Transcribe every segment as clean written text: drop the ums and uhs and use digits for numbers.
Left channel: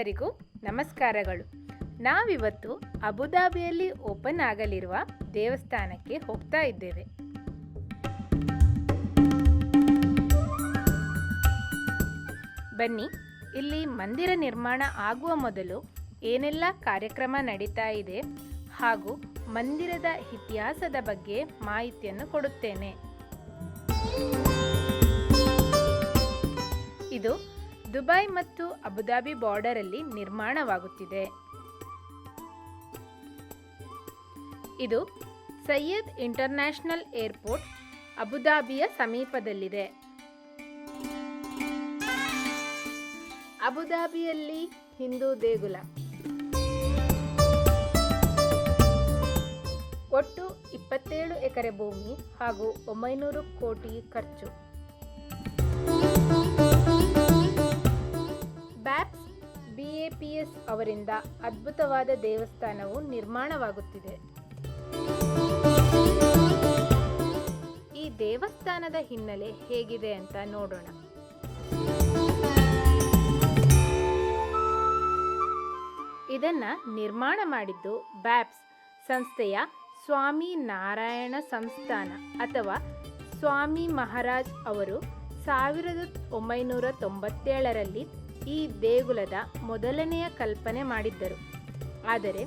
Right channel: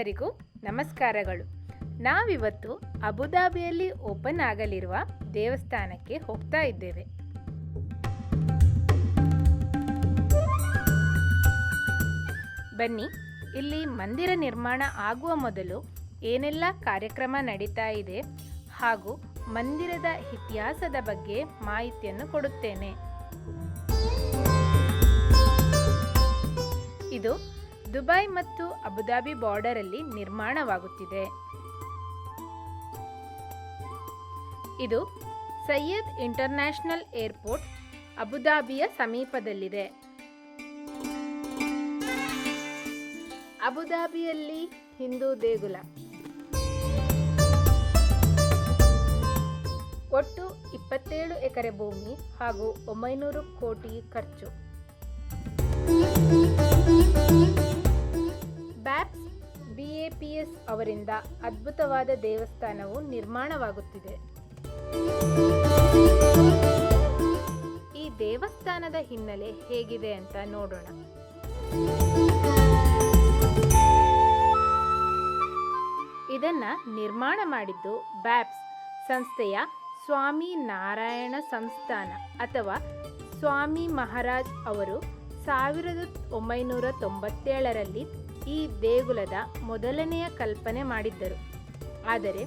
ಎಲ್ಲರಿಗೂ ನಮಸ್ಕಾರಗಳು. ನಾವಿವತ್ತು ಅಬುದಾಬಿಯಲ್ಲಿ ಓಪನ್ ಆಗಲಿರುವ ದೇವಸ್ಥಾನಕ್ಕೆ ಹೋಗ್ತಾ ಇದ್ದೇವೆ. ಬನ್ನಿ, ಇಲ್ಲಿ ಮಂದಿರ ನಿರ್ಮಾಣ ಆಗುವ ಮೊದಲು ಏನೆಲ್ಲ ಕಾರ್ಯಕ್ರಮ ನಡೀತಾ ಇದೆ ಹಾಗೂ ಮಂದಿರದ ಇತಿಹಾಸದ ಬಗ್ಗೆ ಮಾಹಿತಿಯನ್ನು ಕೊಡುತ್ತೇನೆ. ಇದು ದುಬೈ ಮತ್ತು ಅಬುದಾಬಿ ಬಾರ್ಡರಲ್ಲಿ ನಿರ್ಮಾಣವಾಗುತ್ತಿದೆ. ಇದು ಸಯ್ಯದ್ ಇಂಟರ್ನ್ಯಾಷನಲ್ ಏರ್ಪೋರ್ಟ್ ಅಬುದಾಬಿಯ ಸಮೀಪದಲ್ಲಿದೆ. ಅಬುದಾಬಿಯಲ್ಲಿ ಹಿಂದೂ ದೇಗುಲ. ಒಟ್ಟು 27 ಎಕರೆ ಭೂಮಿ ಹಾಗೂ 900 ಕೋಟಿ ಖರ್ಚು. ಬ್ಯಾಪ್ಸ್ BAPS ಅವರಿಂದ ಅದ್ಭುತವಾದ ದೇವಸ್ಥಾನವು ನಿರ್ಮಾಣವಾಗುತ್ತಿದೆ. ಈ ದೇವಸ್ಥಾನದ ಹಿನ್ನೆಲೆ ಹೇಗಿದೆ ಅಂತ ನೋಡೋಣ. ಇದನ್ನ ನಿರ್ಮಾಣ ಮಾಡಿದ್ದು ಬ್ಯಾಪ್ಸ್ ಸಂಸ್ಥೆಯ ಸ್ವಾಮಿ ನಾರಾಯಣ ಸಂಸ್ಥಾನ ಅಥವಾ ಸ್ವಾಮಿ ಮಹಾರಾಜ್ ಅವರು 1997ರಲ್ಲಿ ಈ ದೇಗುಲದ ಮೊದಲನೆಯ ಕಲ್ಪನೆ ಮಾಡಿದ್ದರು. ಆದರೆ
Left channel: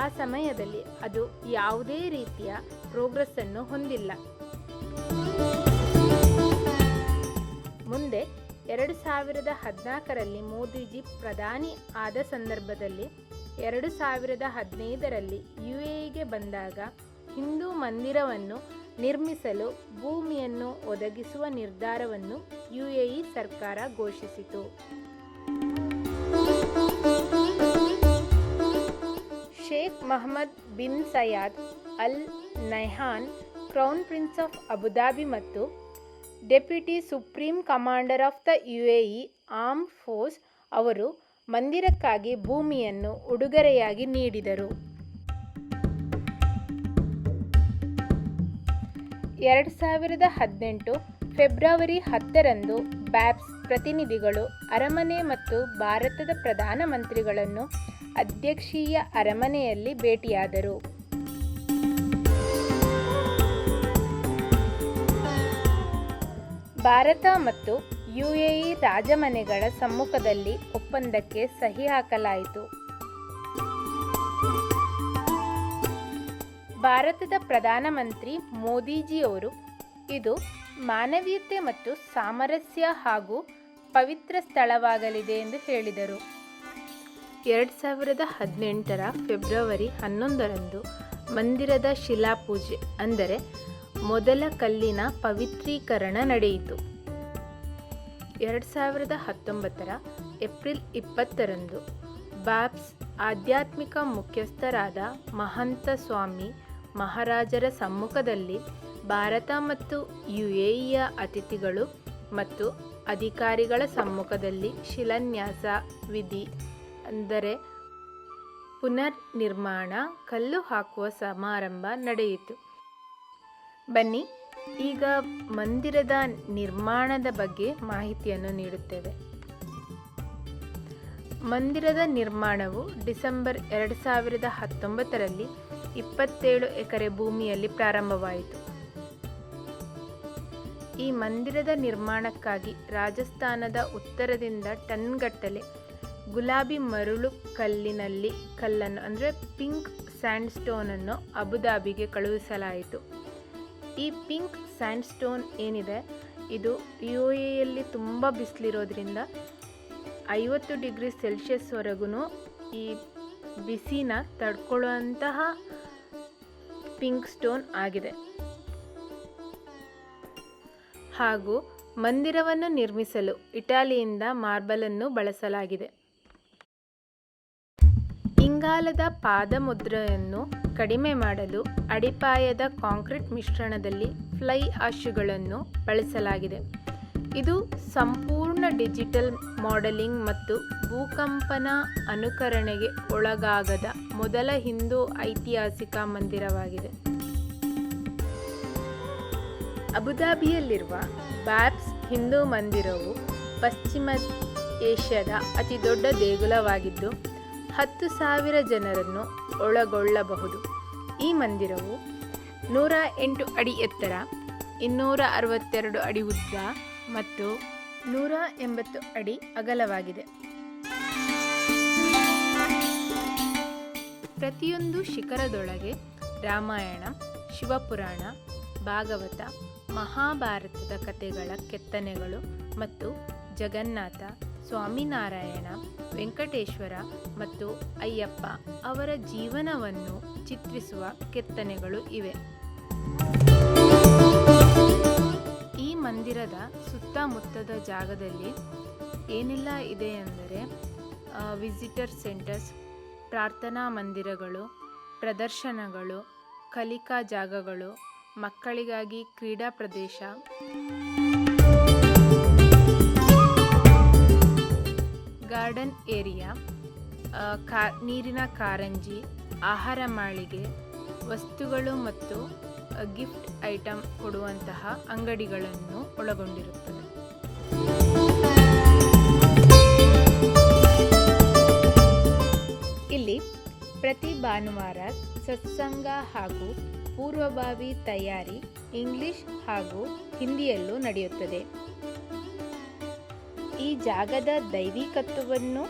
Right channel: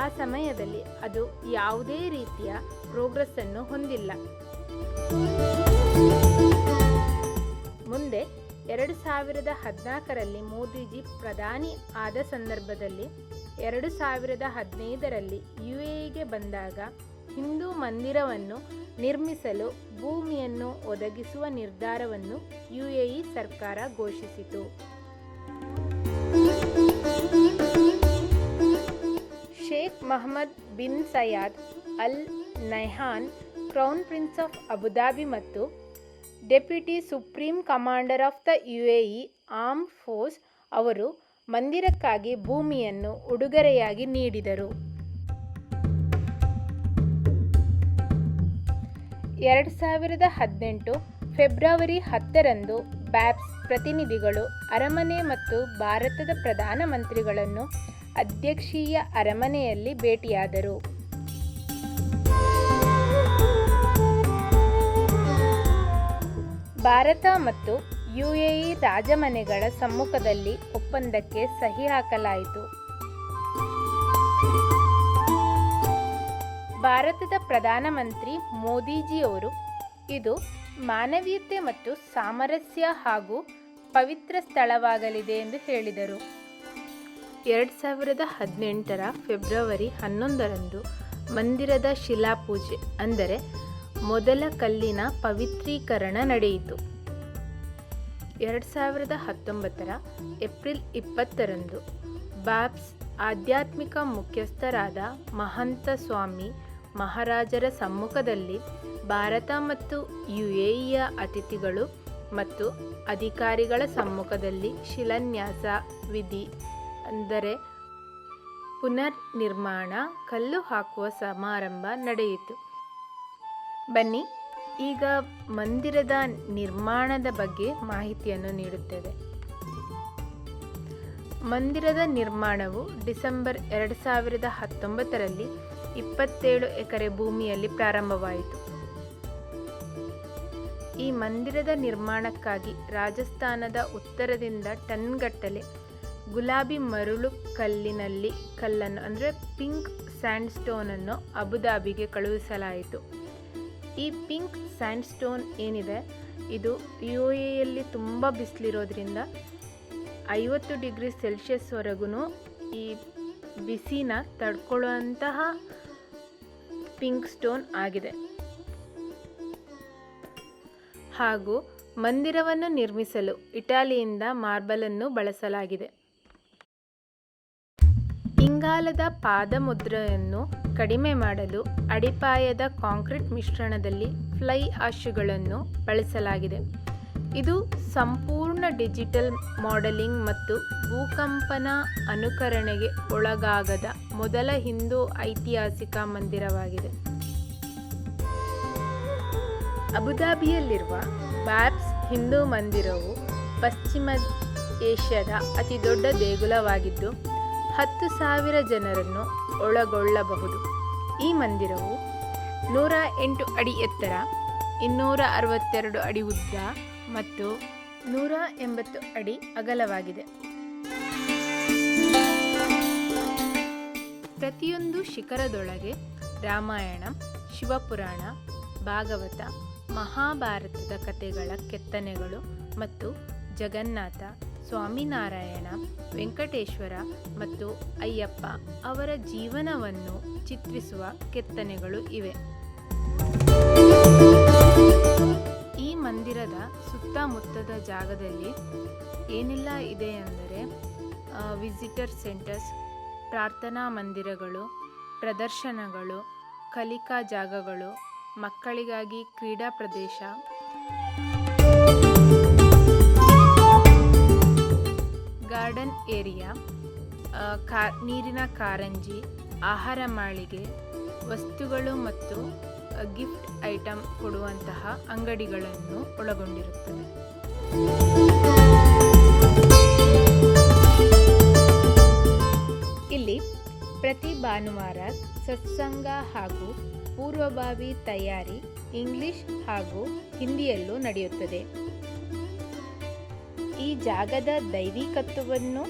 ಆ ಸಮಯದಲ್ಲಿ ಅದು ಯಾವುದೇ ರೀತಿಯ ಪ್ರೋಗ್ರೆಸ್ ಅನ್ನು ಹೊಂದಿಲ್ಲ. ಮುಂದೆ 2014ರಲ್ಲಿ ಮೋದಿಜಿ ಪ್ರಧಾನಿ ಆದ ಸಂದರ್ಭದಲ್ಲಿ 2015ರಲ್ಲಿ UAEಗೆ ಬಂದಾಗ ಹಿಂದೂ ಮಂದಿರವನ್ನು ನಿರ್ಮಿಸಲು ಭೂಮಿಯನ್ನು ಒದಗಿಸುವ ನಿರ್ಧಾರವನ್ನು UAE ಸರ್ಕಾರ ಘೋಷಿಸಿತು. Sheikh Mohammed bin Zayed Al Nahyan, crown prince of Abu Dhabi ಮತ್ತು deputy supreme commander of the UAE armed force ಅವರು ಮಂದಿರಕ್ಕಾಗಿ ಭೂಮಿಯನ್ನು ಉಡುಗೊರೆಯಾಗಿ ನೀಡಿದರು. 2018 ಫೆಬ್ರವರಿ 10ರಂದು ಬ್ಯಾಪ್ಸ್ ಪ್ರತಿನಿಧಿಗಳು ಅರಮನೆ ಮತ್ತು ಭಾರತದ ಪ್ರಧಾನಮಂತ್ರಿಗಳನ್ನು ಅಧ್ಯಕ್ಷೀಯ ಅರಮನೆಯಲ್ಲಿ ಭೇಟಿಯಾದರು. ಭಾರತ ಮತ್ತು UAE ರಾಜಮನೆಗಳ ಸಮ್ಮುಖದಲ್ಲಿ ಒಪ್ಪಂದಕ್ಕೆ ಸಹಿ ಹಾಕಲಾಯಿತು. ಭಾರತದ ಪ್ರಧಾನಮಂತ್ರಿ ಮೋದಿಜಿಯವರು ಇದು ಮಾನವೀಯತೆ ಮತ್ತು ಸಾಮರಸ್ಯ ಹಾಗೂ ಪವಿತ್ರ ಸ್ಥಳವಾಗಲಿದೆ ಎಂದು ಹೇಳಿದರು. 2018ರ ಫೆಬ್ರವರಿ 11ರಂದು ಮಂದಿರದ ಶಿಲಾಪೂಜೆ ಅಂದರೆ ಮೊದಲ ಕಲ್ಲಿನ ಪವಿತ್ರೀಕರಣ ನಡೆಯಿತು. 2019ರ ಏಪ್ರಿಲ್ 20ರಂದು ಬ್ಯಾಪ್ಸ್ ಆಧ್ಯಾತ್ಮಿಕ ಮುಖ್ಯಸ್ಥರಾದ ಮಹಂತ ಸ್ವಾಮಿ ಮಹಾರಾಜರ ಸಮ್ಮುಖದಲ್ಲಿ ಭಾರತ ಮತ್ತು UAEಯ ಅತಿಥಿಗಳು ಮತ್ತು ಅಧಿಕಾರಿಗಳ ಸಮ್ಮುಖದಲ್ಲಿ ಶಿಲಾನ್ಯಾಸ ವಿಧಿ ಅಂದರೆ ಪುನರ್ ನಿರ್ಮಾಣ ಕಲ್ಲು ಹಾಕುವ ಸಮಾರಂಭ ನಡೆಯಿತು. ಬನ್ನಿ, ಈಗ ಮಂದಿರದ ನಿರ್ಮಾಣದ ಬಗ್ಗೆ ಮಾಹಿತಿಯನ್ನು ನೀಡುತ್ತೇವೆ. ಮಂದಿರದ ನಿರ್ಮಾಣವು ಡಿಸೆಂಬರ್ 2019ರಲ್ಲಿ 27 ಎಕರೆ ಭೂಮಿಯಲ್ಲಿ ಪ್ರಾರಂಭವಾಯಿತು. ಈ ಮಂದಿರದ ನಿರ್ಮಾಣಕ್ಕಾಗಿ ರಾಜಸ್ಥಾನದ ಉತ್ತರದಿಂದ ಟನ್ಗಟ್ಟಲೆ ಗುಲಾಬಿ ಮರಳು ಕಲ್ಲನ್ನು ಅಂದರೆ ಪಿಂಕ್ ಸ್ಯಾಂಡ್ ಸ್ಟೋನನ್ನು ಅಬುದಾಬಿಗೆ ಕಳುಹಿಸಲಾಯಿತು. ಈ ಪಿಂಕ್ ಸ್ಯಾಂಡ್ ಸ್ಟೋನ್ ಏನಿದೆ, ಇದು UAEಯಲ್ಲಿ ತುಂಬ ಬಿಸಿಲಿರೋದ್ರಿಂದ 50 ಡಿಗ್ರಿ ಸೆಲ್ಸಿಯಸ್ವರೆಗೂ ಈ ಬಿಸಿನ ತಡ್ಕೊಳ್ಳುವಂತಹ ಪಿಂಕ್ ಸ್ಟೋನ್ ಆಗಿದೆ. ಹಾಗೂ ಮಂದಿರವನ್ನು ನಿರ್ಮಿಸಲು ಇಟಾಲಿಯಿಂದ ಮಾರ್ಬಲನ್ನು ಬಳಸಲಾಗಿದೆ. ಇಂಗಾಲದ ಪಾದಮುದ್ರೆಯನ್ನು ಕಡಿಮೆ ಮಾಡಲು ಅಡಿಪಾಯದ ಕಾಂಕ್ರೀಟ್ ಮಿಶ್ರಣದಲ್ಲಿ ಫ್ಲೈ ಆಶ್ಗಳನ್ನು ಬಳಸಲಾಗಿದೆ. ಇದು ಸಂಪೂರ್ಣ ಡಿಜಿಟಲ್ ಮಾಡೆಲಿಂಗ್ ಮತ್ತು ಭೂಕಂಪನ ಅನುಕರಣೆಗೆ ಒಳಗಾಗದ ಮೊದಲ ಹಿಂದೂ ಐತಿಹಾಸಿಕ ಮಂದಿರವಾಗಿದೆ. ಅಬುದಾಬಿಯಲ್ಲಿರುವ ಬ್ಯಾಪ್ಸ್ ಹಿಂದೂ ಮಂದಿರವು ಪಶ್ಚಿಮ ಏಷ್ಯಾದ ಅತಿ ದೊಡ್ಡ ದೇಗುಲವಾಗಿದ್ದು 10,000 ಜನರನ್ನು ಒಳಗೊಳ್ಳಬಹುದು. ಈ ಮಂದಿರವು 108 ಅಡಿ ಎತ್ತರ, 262 ಅಡಿ ಉದ್ದ ಮತ್ತು 180 ಅಡಿ ಅಗಲವಾಗಿದೆ. ಪ್ರತಿಯೊಂದು ಶಿಖರದೊಳಗೆ ರಾಮಾಯಣ, ಶಿವಪುರಾಣ, ಭಾಗವತ, ಮಹಾಭಾರತದ ಕಥೆಗಳ ಕೆತ್ತನೆಗಳು ಮತ್ತು ಜಗನ್ನಾಥ, ಸ್ವಾಮಿನಾರಾಯಣ, ವೆಂಕಟೇಶ್ವರ ಮತ್ತು ಅಯ್ಯಪ್ಪ ಅವರ ಜೀವನವನ್ನು ಚಿತ್ರಿಸುವ ಕೆತ್ತನೆಗಳು ಇವೆ. ಈ ಮಂದಿರದ ಸುತ್ತಮುತ್ತದ ಜಾಗದಲ್ಲಿ ಏನೆಲ್ಲ ಇದೆ ಎಂದರೆ ವಿಸಿಟರ್ ಸೆಂಟರ್ಸ್, ಪ್ರಾರ್ಥನಾ ಮಂದಿರಗಳು, ಪ್ರದರ್ಶನಗಳು, ಕಲಿಕಾ ಜಾಗಗಳು, ಮಕ್ಕಳಿಗಾಗಿ ಕ್ರೀಡಾ ಪ್ರದೇಶ, ಗಾರ್ಡನ್ ಏರಿಯಾ, ನೀರಿನ ಕಾರಂಜಿ, ಆಹಾರ ಮಾಳಿಗೆ, ವಸ್ತುಗಳು ಮತ್ತು ಗಿಫ್ಟ್ ಐಟಮ್ ಕೊಡುವಂತಹ ಅಂಗಡಿಗಳನ್ನು ಒಳಗೊಂಡಿರುತ್ತದೆ. ಇಲ್ಲಿ ಪ್ರತಿ ಭಾನುವಾರ ಸತ್ಸಂಗ ಹಾಗೂ ಪೂರ್ವಭಾವಿ ತಯಾರಿ ಇಂಗ್ಲಿಷ್ ಹಾಗೂ ಹಿಂದಿಯಲ್ಲೂ ನಡೆಯುತ್ತದೆ. ಈ ಜಾಗದ ದೈವಿಕತ್ವವನ್ನು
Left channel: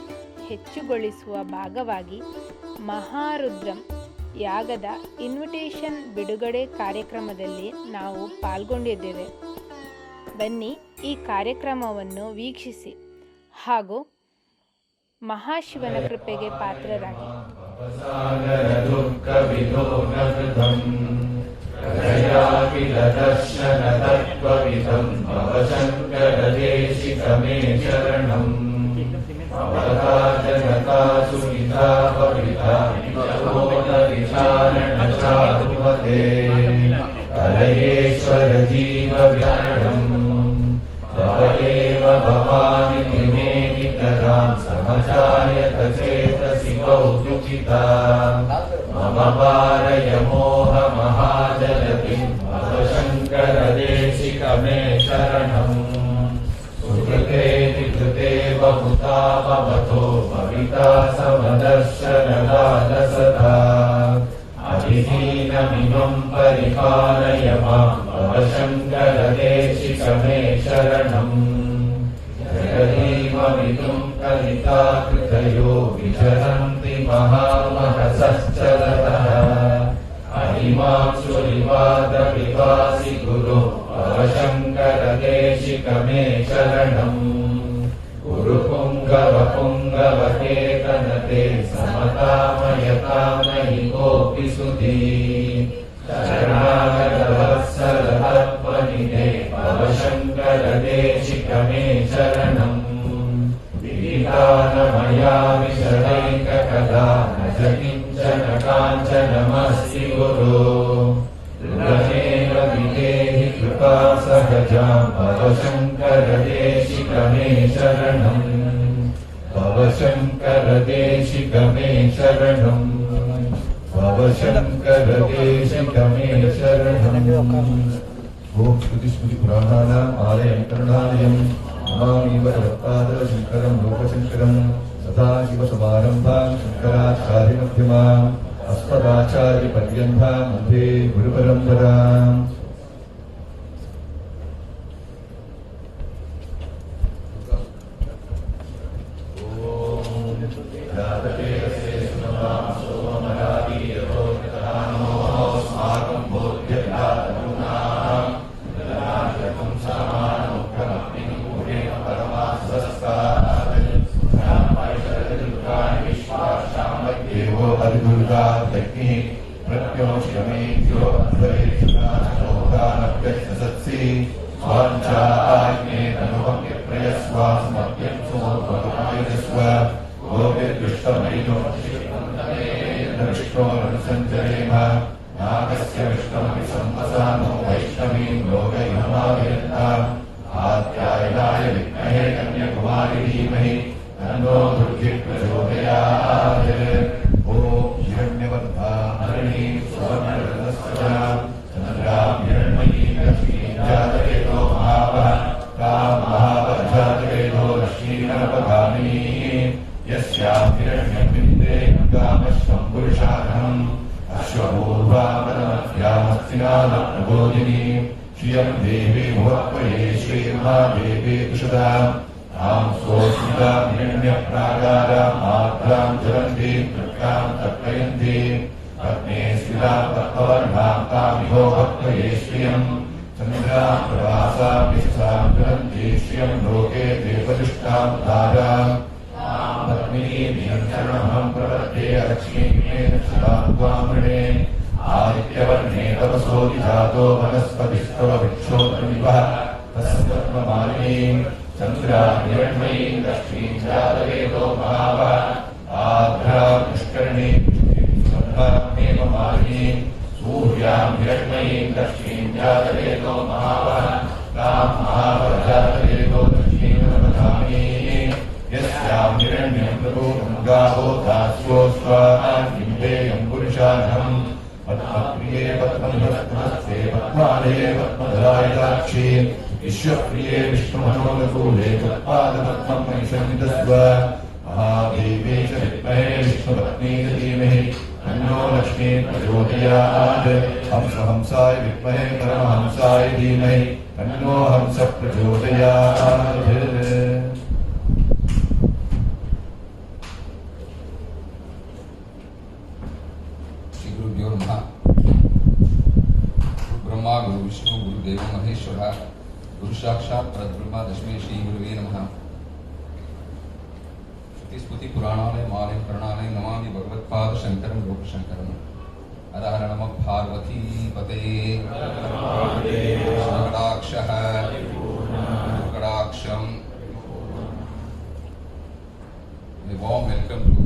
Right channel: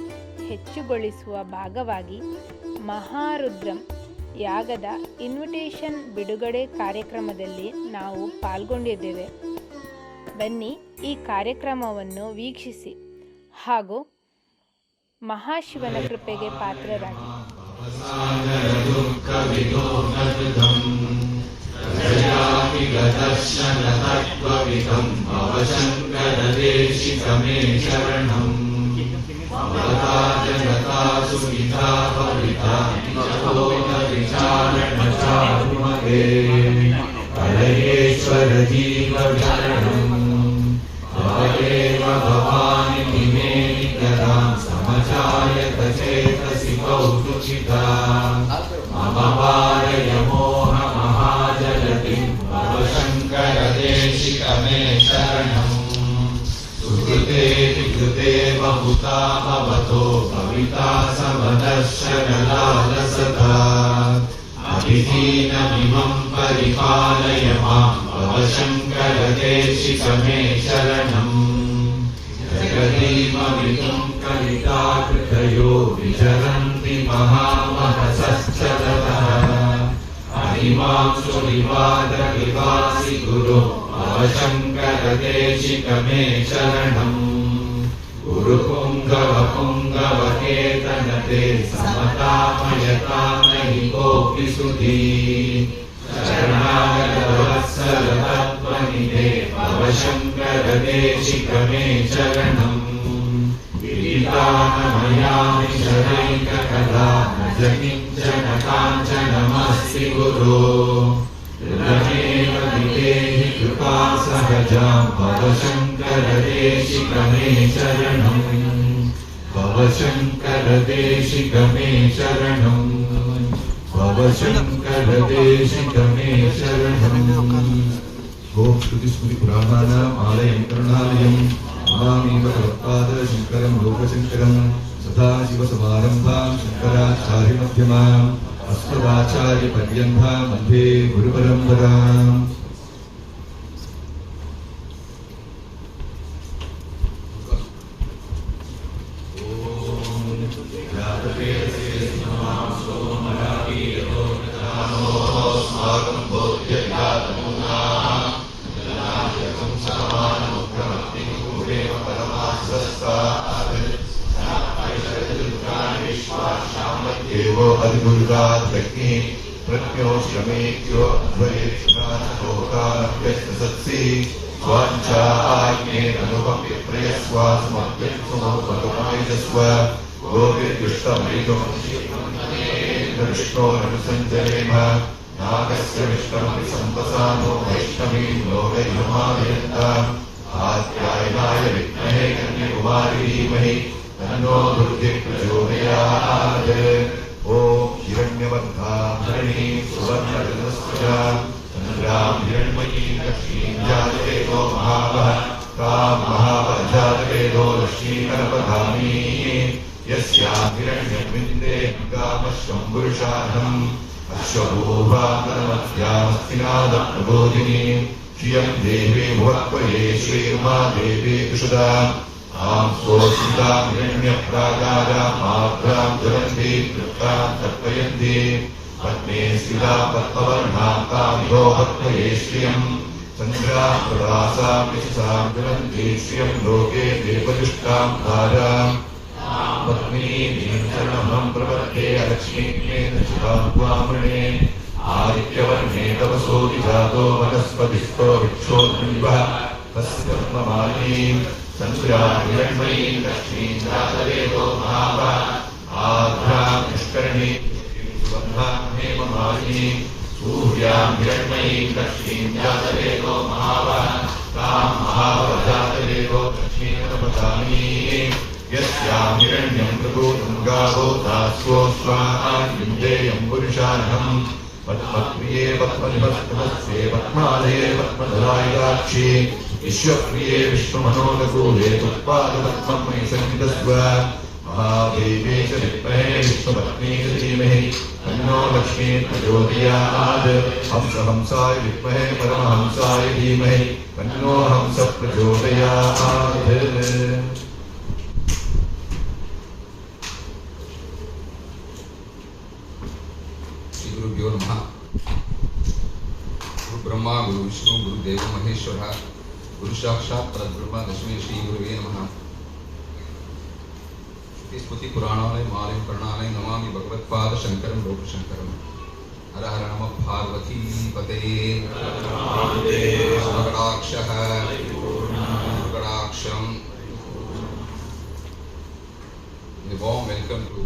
ಹೆಚ್ಚುಗೊಳಿಸುವ ಭಾಗವಾಗಿ ಮಹಾರುದ್ರಂ ಯಾಗದ ಇನ್ವಿಟೇಷನ್ ಬಿಡುಗಡೆ ಕಾರ್ಯಕ್ರಮದಲ್ಲಿ ನಾವು ಪಾಲ್ಗೊಂಡಿದ್ದೇವೆ. ಬನ್ನಿ ಈ ಕಾರ್ಯಕ್ರಮವನ್ನು ವೀಕ್ಷಿಸಿ ಹಾಗೂ ಮಹಾಶಿವನ ಕೃಪೆಗೆ ಪಾತ್ರರಾಗಿ. अभिहीनमिमं परिपालय मां भव शङ्कर देशिकमे शरणम्. जगदीमवितुं कलिकाकृतयो विचरन्ति महामहसश्चरतः. अहिमांशुरिवादविवासि गुरो भव शङ्कर देशिकमे शरणम्. गुरुपुङ्गवपुङ्गवकेतनते समतामयतामहि कोऽपि सुधी. शरणागतवत्सलतत्त्वनिधे भव शङ्कर देशिकमे शरणम्. विदितानमयामि शरैककला न च किञ्चन काञ्चनमस्ति गुरो. हृदयेव विदेहि कृपा सहजां भव शङ्कर देशिकमे शरणम्. भव शङ्कर देशिकमे शरणम्. भव शङ्कर देशिकमे शरणम्. ओम श्रुतिस्मृतिपुराणानाम् आलयं करुणालयं नमामि भगवत्पादशङ्करं लोकशङ्करं. सदाशिवसमारम्भां शङ्कराचार्यमध्यमाम् अस्मदाचार्यपर्यन्तां वन्दे गुरुपरम्पराम्. देवो अधिगुरुदात्मज्ञे प्रत्योष्यमेत्यो अध्वरेत्सत्सि स्वाञ्चाज्ञे ननुपम्पि प्रयस्वास्मभ्यं सुमोपरुपमेजस्व गोविर्दुष्टमैगो विष्णो अनुसञ्जयेम नागस्य विष्णुमपि सम्पसानो वैष्णवीं लोकयमायन्ताम्. आद्यायनाय विद्महे कन्याकुमारी धीमहि तन्नो दुर्गिः प्रचोदयात्. ओम हिरण्यवर्धामणि सुवर्णरत्नस्वजा चन्द्रां हिरण्मयी लक्ष्मीं जातवेदो महावः तां महावः जातवेदो लक्ष्मी गणपधानी यस्याहिरण्यमिन्दे गामश्वं पुरुषाणम् अश्वभूभामनमध्यामस्तिनादप्रबोधिनी श्रियं देवे भुवत्वये श्रीर्मा देवे कुशदा आं स्वोऽस्मिता हिरण्यप्राकारां मात्रां जलन्ति कृत्तां तर्पयन्ति पद्मे स्थिता पद्मवर्णां तामिहो भक्तये श्रियं चन्द्रां प्रवासां विशसां ज्वलन्ति श्रियं लोके देवदुष्टां धारां पद्मिनीं शरणमहं प्रपद्ये लक्ष्मीं दक्षिणां वामणे आदित्यवर्णे तपसोऽपि जातो वनस्पतिस्तव विक्षोभनिवः तस्य पद्ममालिनीं चन्द्रां हिरण्मयीं लक्ष्मीं जातवेदो महावः आभ्रां पुष्करणीं सुबन्धां हेममालिनीं सूर्यां हिरण्मयीं लक्ष्मीं जातवेदो महावः तां महावजातवेदो लक्ष्मीं प्रमथामीं यस्यां हिरण्यं प्रभूतं गावो दास्यो स्वाहायं पुरुषाणम् पद्मप्रिये पद्मनिभस्ते पद्मालये पद्मधरायदाक्षी विश्वप्रिये विष्णुमनोलकूले त्वत्पादपद्मं मयि सन्निधस्व महादेवे च विद्महे विष्णुपत्नी च धीमहि तन्नो लक्ष्मी प्रचोदयात् हंसाय विद्महे परमहंसाय धीमहि तन्नो हंसः प्रचोदयात्। गुरुभ्यो नमः। गुरु ब्रह्मा गुरु विष्णु गुरुदेव महेश्वर गुरु साक्षात् परब्रह्म तस्मै श्री गुरुवे नमः। श्रुति स्मृति पुराणालय मालय करणालय नमामि भगवत्पाद शंकरं लोकशंकरं। हर हर नमः पार्वती पतये कटाक्षः कटाक्षं। A warm welcome to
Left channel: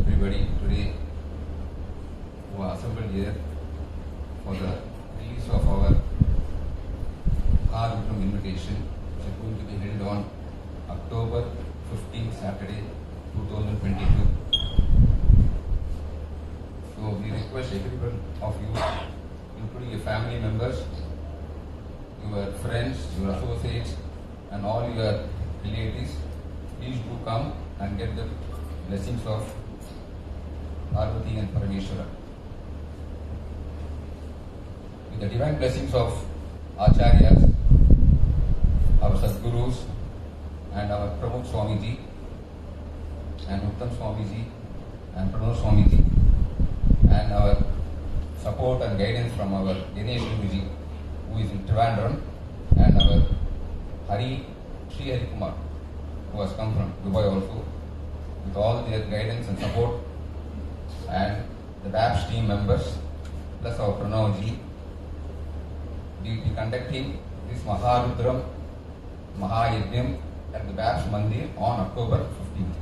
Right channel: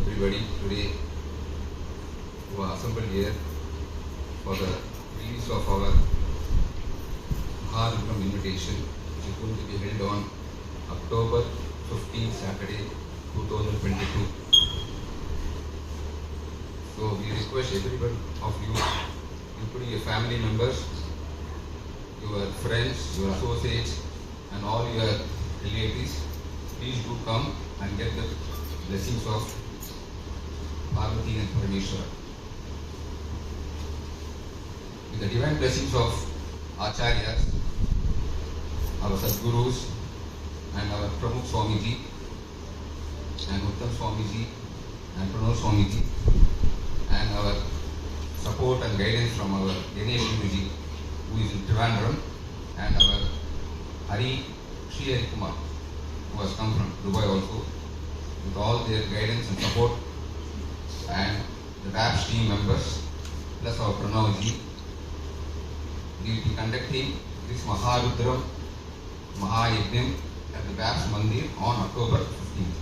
everybody today who are assembled here for the release of our Harukam invitation, which is going to be held on October 15th, Saturday, 2022. So we request everyone of you, including your family members, your friends, your associates, and all your relatives, please do come and get the blessings of Parvati and Parameshwara. With the divine blessings of Acharyas, our Sadgurus, and our Pramukh Swamiji, and Uttam Swamiji, and Pranod Swamiji, and our support and guidance from our Ganesh Guruji, who is in Trivandrum, and our Hari Sri Hari Kumar, who has come from Dubai also, with all their guidance and support, and the VAPS team members, plus our Pranavji. We will be conducting this Maharudram Mahayajnam at the VAPS Mandir on October 15th.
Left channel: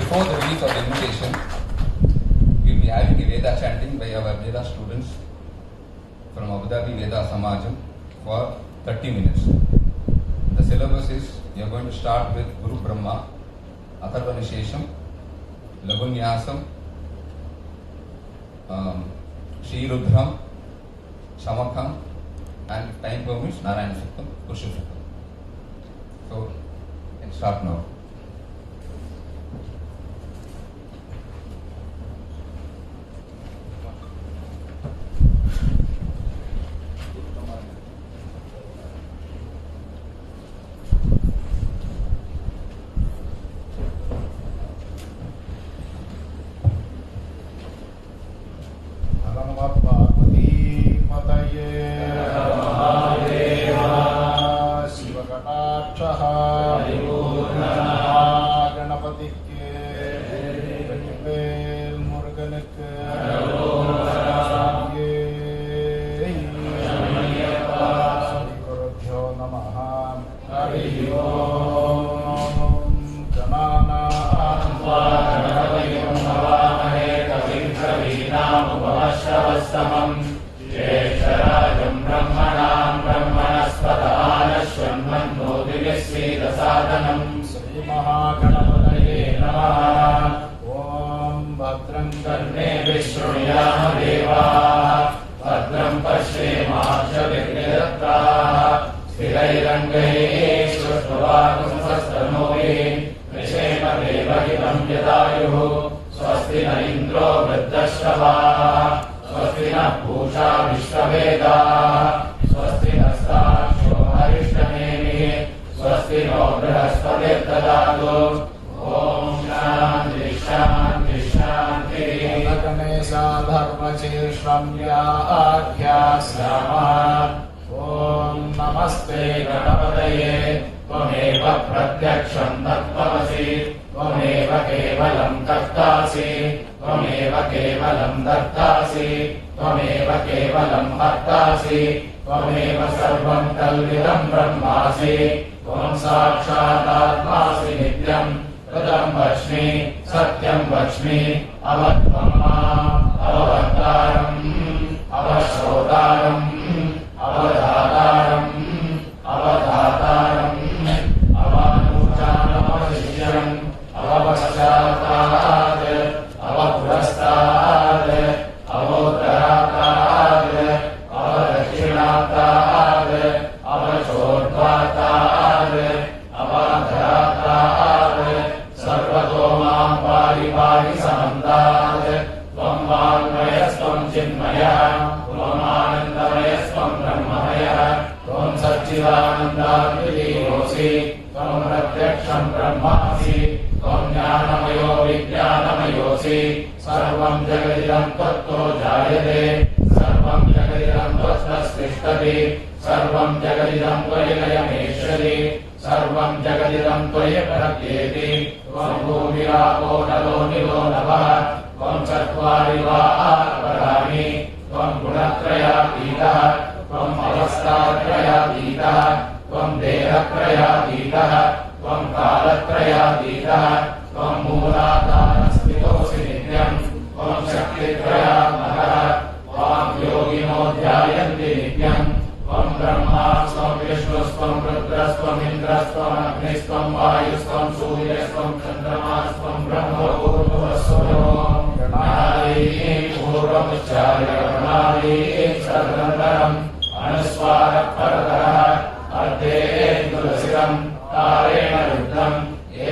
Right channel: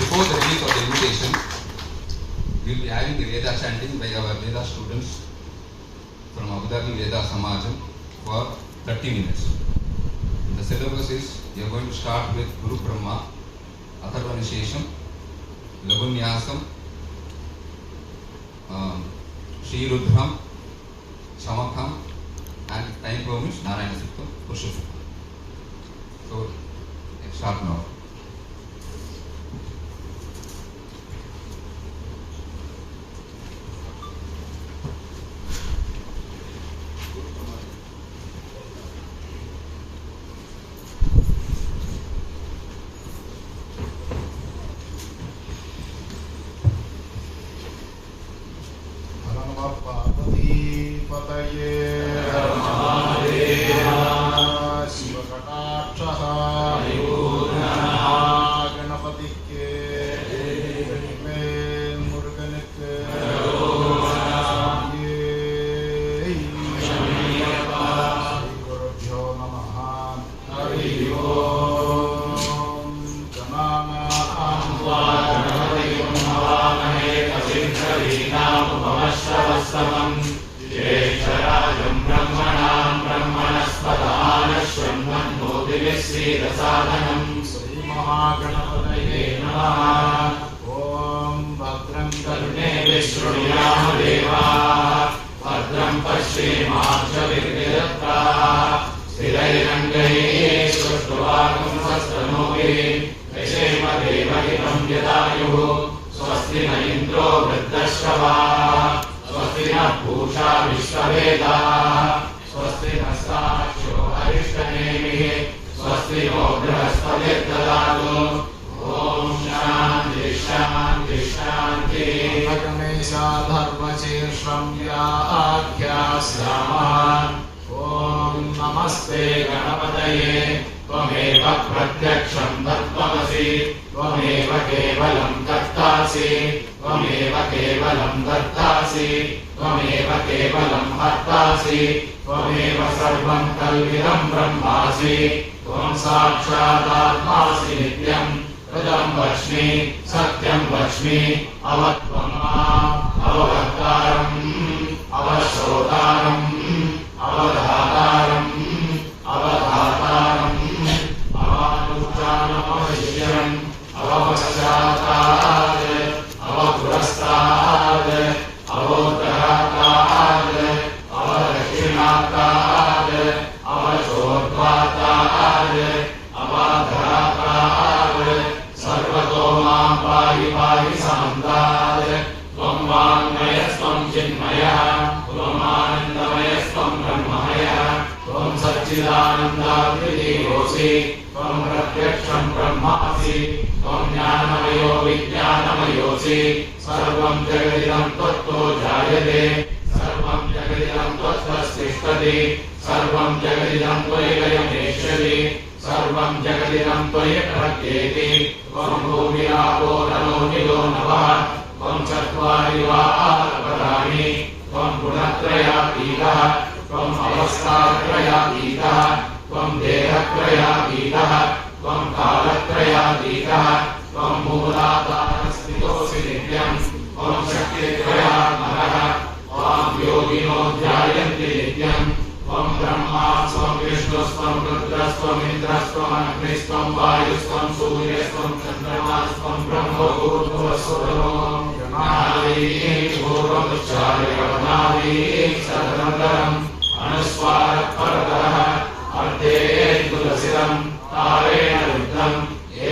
Before the release of the invitation, we will be having a Veda chanting by our Veda students from Abu Dhabi Veda Samajam for 30 minutes. The syllabus is, we are going to start with Guru Brahma, Atharvanishesham, Lagunyasam, Shri Rudram, Shamakam, and time permits, Narayana Suktam, Purushottam. So, let's start now. भद्रं पश्येमाक्षभिर्यजत्राः स्थिरैरङ्गैः स्युः स्वस्ति न इन्द्रो वृद्धश्रवाः स्वस्ति नः पूषा विश्ववेदाः स्वस्ति नस्तार्क्ष्यो अरिष्टनेमिः स्वस्ति no बृहस्पतिर्ददातु ॐ शान्ति शान्ति शान्तिः गणेशा धर्मशीर्षम्याख्यास्यामः ॐ नमस्ते गणपतये त्वमेव प्रत्यक्षं तत्त्वमसि त्वमेव केवलं कर्तासि त्वमेव केवलं दत्तासि त्वमेव केवलं हर्तासि त्वमेव सर्वं कल्विदं ब्रह्मासि त्वं साक्षादात्मासि नित्यं कृतं वच्मि सत्यं वच्मि अवत्वं माम् अववक्तारम् अवश्रोतारम् अवधातारम् अवधातारम् अवानुचानमशिष्यम् अवपश्चात्तात् अवपुरस्तात् अवोत्तरात् अवदक्षिणात् अवचोर्ध्वात् अवाधरात् सर्वतो मां पाहि पाहि समन्तात् त्वं वाङ्मयस्त्वं चिन्मयः त्वम् आनन्दमयस्त्वं ब्रह्ममयः त्वं सच्चिदानन्दाद्वितीयोऽसि त्वं प्रत्यक्षं ब्रह्मासि त्वं ज्ञानमयो विज्ञानमयोऽसि सर्वं जगदिदं त्वत्तो जायते सर्वं जगदिदं त्वत्तस्तिष्ठति सर्वं जगदिदं त्वयि लयमेष्यति सर्वं जगदिदं त्वयि प्रत्येति त्वं भूमिरापो नलो निलो नभः त्वं चत्वारि वराणि त्वं गुणत्रयातीतः त्वं अवस्थात्रयातीतः त्वं देहत्रयातीतः त्वं कालत्रयातीतः त्वं मूलाधारस्थितोऽसि नित्यं त्वं शक्तित्रयात्मकः त्वां योगिनो ध्यायन्ति नित्यं त्वं ब्रह्मा स्वं विष्णुस्त्वं रुद्रस्त्वम् इन्द्रस्त्वम् अग्निस्त्वं वायुस्त्वं सूर्यस्त्वं चन्द्रमास्त्वं ब्रह्मभूर्भुवस्वः पूर्वमुच्चार्यवनादीः सर्वतरम् अनुस्वारपरतः अर्धेन्दुरसिरम् तारेण रुद्धम्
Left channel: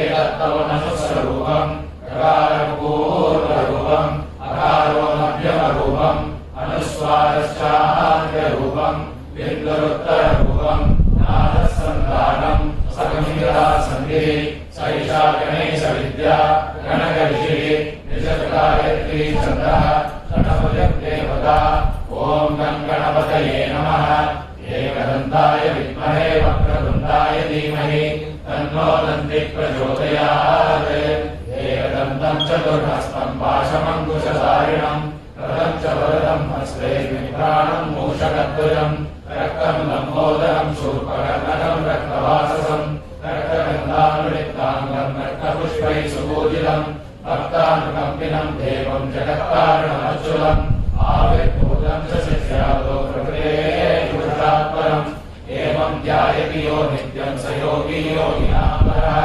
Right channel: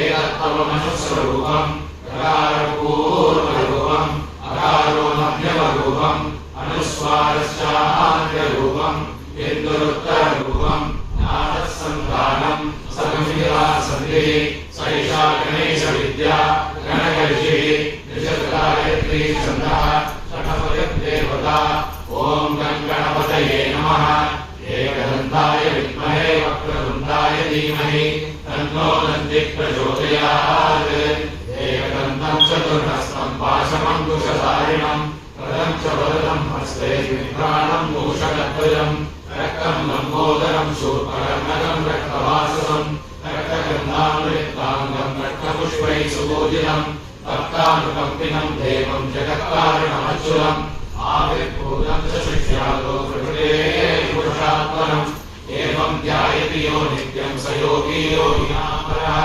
एकत्वमनुस्वरूपम् प्रकारपूर्वरूपम् अकारो मध्यमरूपम् अनुस्वारश्चान्त्यरूपम् बिन्दुरुत्तररूपम् नादसन्धानम् सकमितिरासन्धिः सैषा गणेशविद्या गणकर्षिः निजगायत्री छन्दः गणपतिं देवता ॐ गणपतये नमः एकदन्ताय विद्महे वक्रतुण्डाय धीमहि तन्नो दन्तिः प्रचोदयात् एकदन्तं चतुर्हस्तं पाशमङ्कुशधारिणं कृतं च वरदं हस्ते विभ्राणं मूषकध्वजं रक्तं लम्बोदरं शूर्पकर्णकं रक्तवाससं रक्तगन्धामृताङ्गं रक्तपुष्पैः सुपूजितं भक्तानुकम्पिनं देवं जगत्कारणमच्युतम् आविर्भूतं च शिष्यादो प्रकृतेः पुरुषात्परम् एवं ध्यायति यो नित्यं स योगी योगिनापरः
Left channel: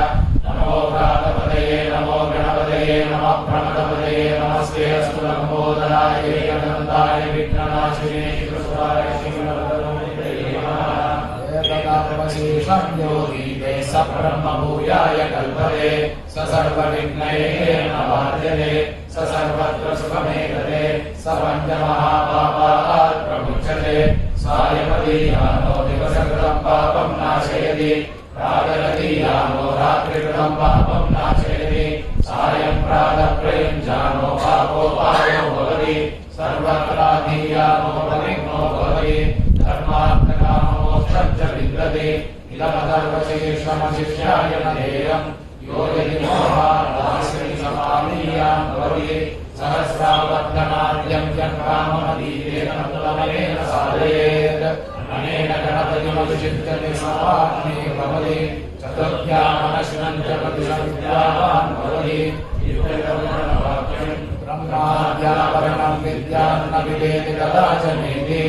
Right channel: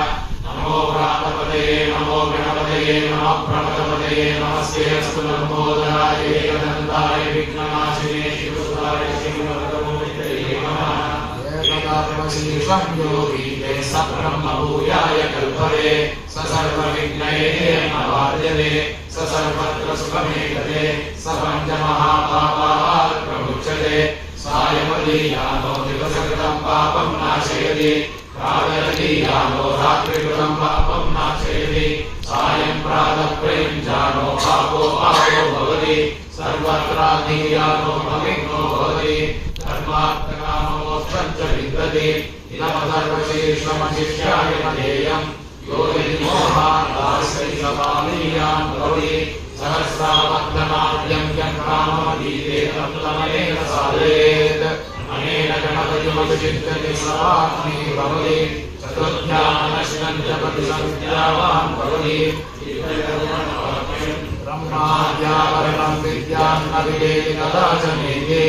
नमो प्रातपतये नमो गणपतये नमः प्रमदपतये नमस्ते अस्तु लम्बोदराय एकदन्ताय विघ्ननाशिने शिवसुताय श्रीमद्गुरुदेवे नमः एकदात्मशीर्षं योगी ते स ब्रह्मभूयाय कल्पते स सर्वविघ्नैः नवाद्यते स सर्वत्र सुखमेकते स पञ्चमहापापात् प्रमुच्यते सायमदीयानो दिवसकृतं पापं नाशयति प्रातरदीयानो रात्रिकृतं पापं नाशयति सायं प्रातः प्रयुञ्जानो पापो पापो भवति सर्वत्राधीयानो पवित्रो भवति धर्मार्थकाममोक्षं च विन्दति इदमथर्वशीर्षमशिष्याय न देयम् यो यदि मोहादास्यमानीयान् भवति सहस्रावत्तनाद्यं यन्काममदीते तमेव साधयेत् अनेन गणपतिमभिषिक्तते समाप्तिः भवति चतुर्थ्यामनश्नं च प्रतिसंज्ञावान् भवति ब्रह्माद्यापरणं विद्यां न विवेति कदाचनेति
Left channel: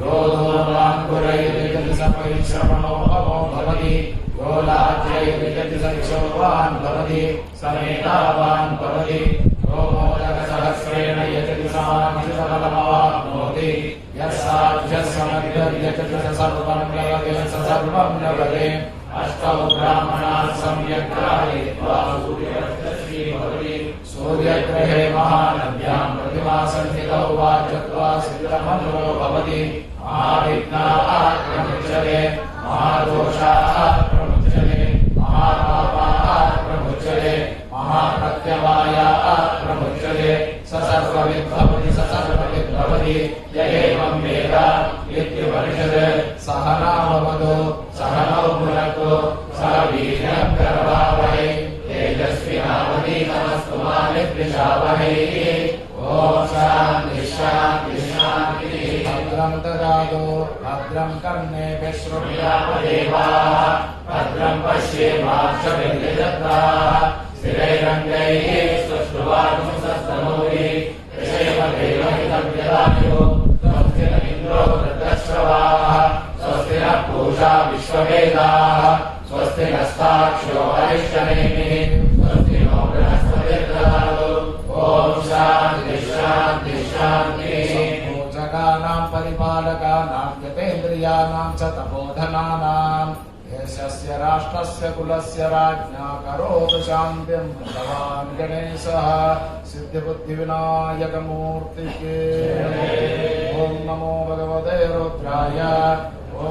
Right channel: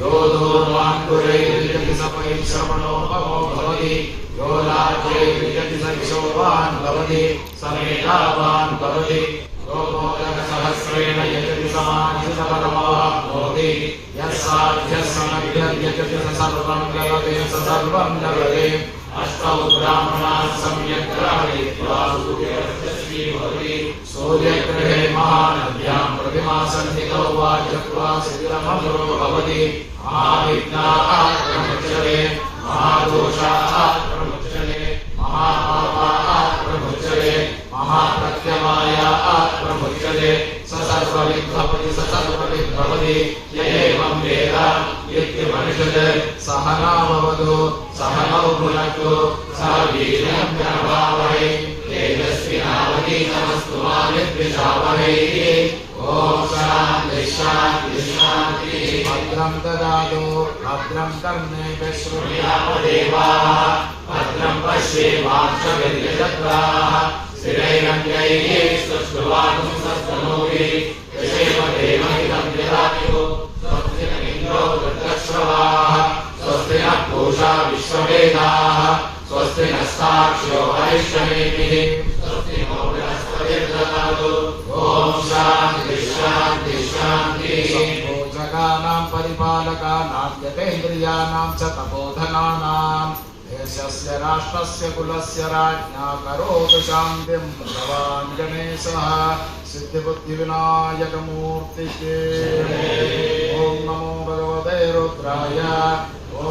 यो दूर्वाङ्कुरैर्विजति सपैश्रवणोपमो भवति यो लाज्यैर्विजति सक्षोवान् भवति स मेधावान् भवति यो मोदकसहस्रेण यजति समाधिसमतमाप्नोति यः साध्यः समग्रं यजति स सर्वं जगते स सर्वं जगते अष्टौ ब्राह्मणाः सम्यक् ग्राहयित्वा सूर्यवर्चस्वी भवति सूर्यग्रहे महानद्यां प्रतिमासन्निधौ वा चक्वा सिद्धमन्त्रो भवति महाविघ्नाः प्रमुच्यते महादोषाः प्रमुच्यते महापापाः प्रमुच्यते महाप्रत्यवायाः प्रमुच्यते स सर्वविद्भवति स सर्वविद्भवति य एवं वेद इत्युपनिषत् सहना भवतु सहनौ भुनक्तु सह वीर्यं करवावहै तेजस्विनावधीतमस्तु मा विद्विषावहै ॐ शान्ति शान्ति शान्तिः भद्रं ददातु भद्रं कर्णेभिः शृणुयामदेवाः भद्रं पश्येमाक्षभिर्यजत्राः स्थिरैरङ्गैः सुष्ठुवागुंसस्तनूभिः यशेव देवहितं जलायुः स्वस्ति न इन्द्रो वृत्रश्रवाः स्वस्ति नः पूषा विश्ववेदाः स्वस्ति नस्ताक्ष्यो अरिष्टनेमिः स्वस्ति नो बृहस्पतिर्दधातु ॐ शान्ति शान्ति शान्तिः पूजकानां परिपालकानां यतेन्द्रियाणां च तपोधनानां देशस्य राष्ट्रस्य कुलस्य राज्ञा करोतु शान्तिं भगवान् गणेशः सिद्धिबुद्धिविनायकमूर्तिके ॐ नमो भगवते रुद्राय ॐ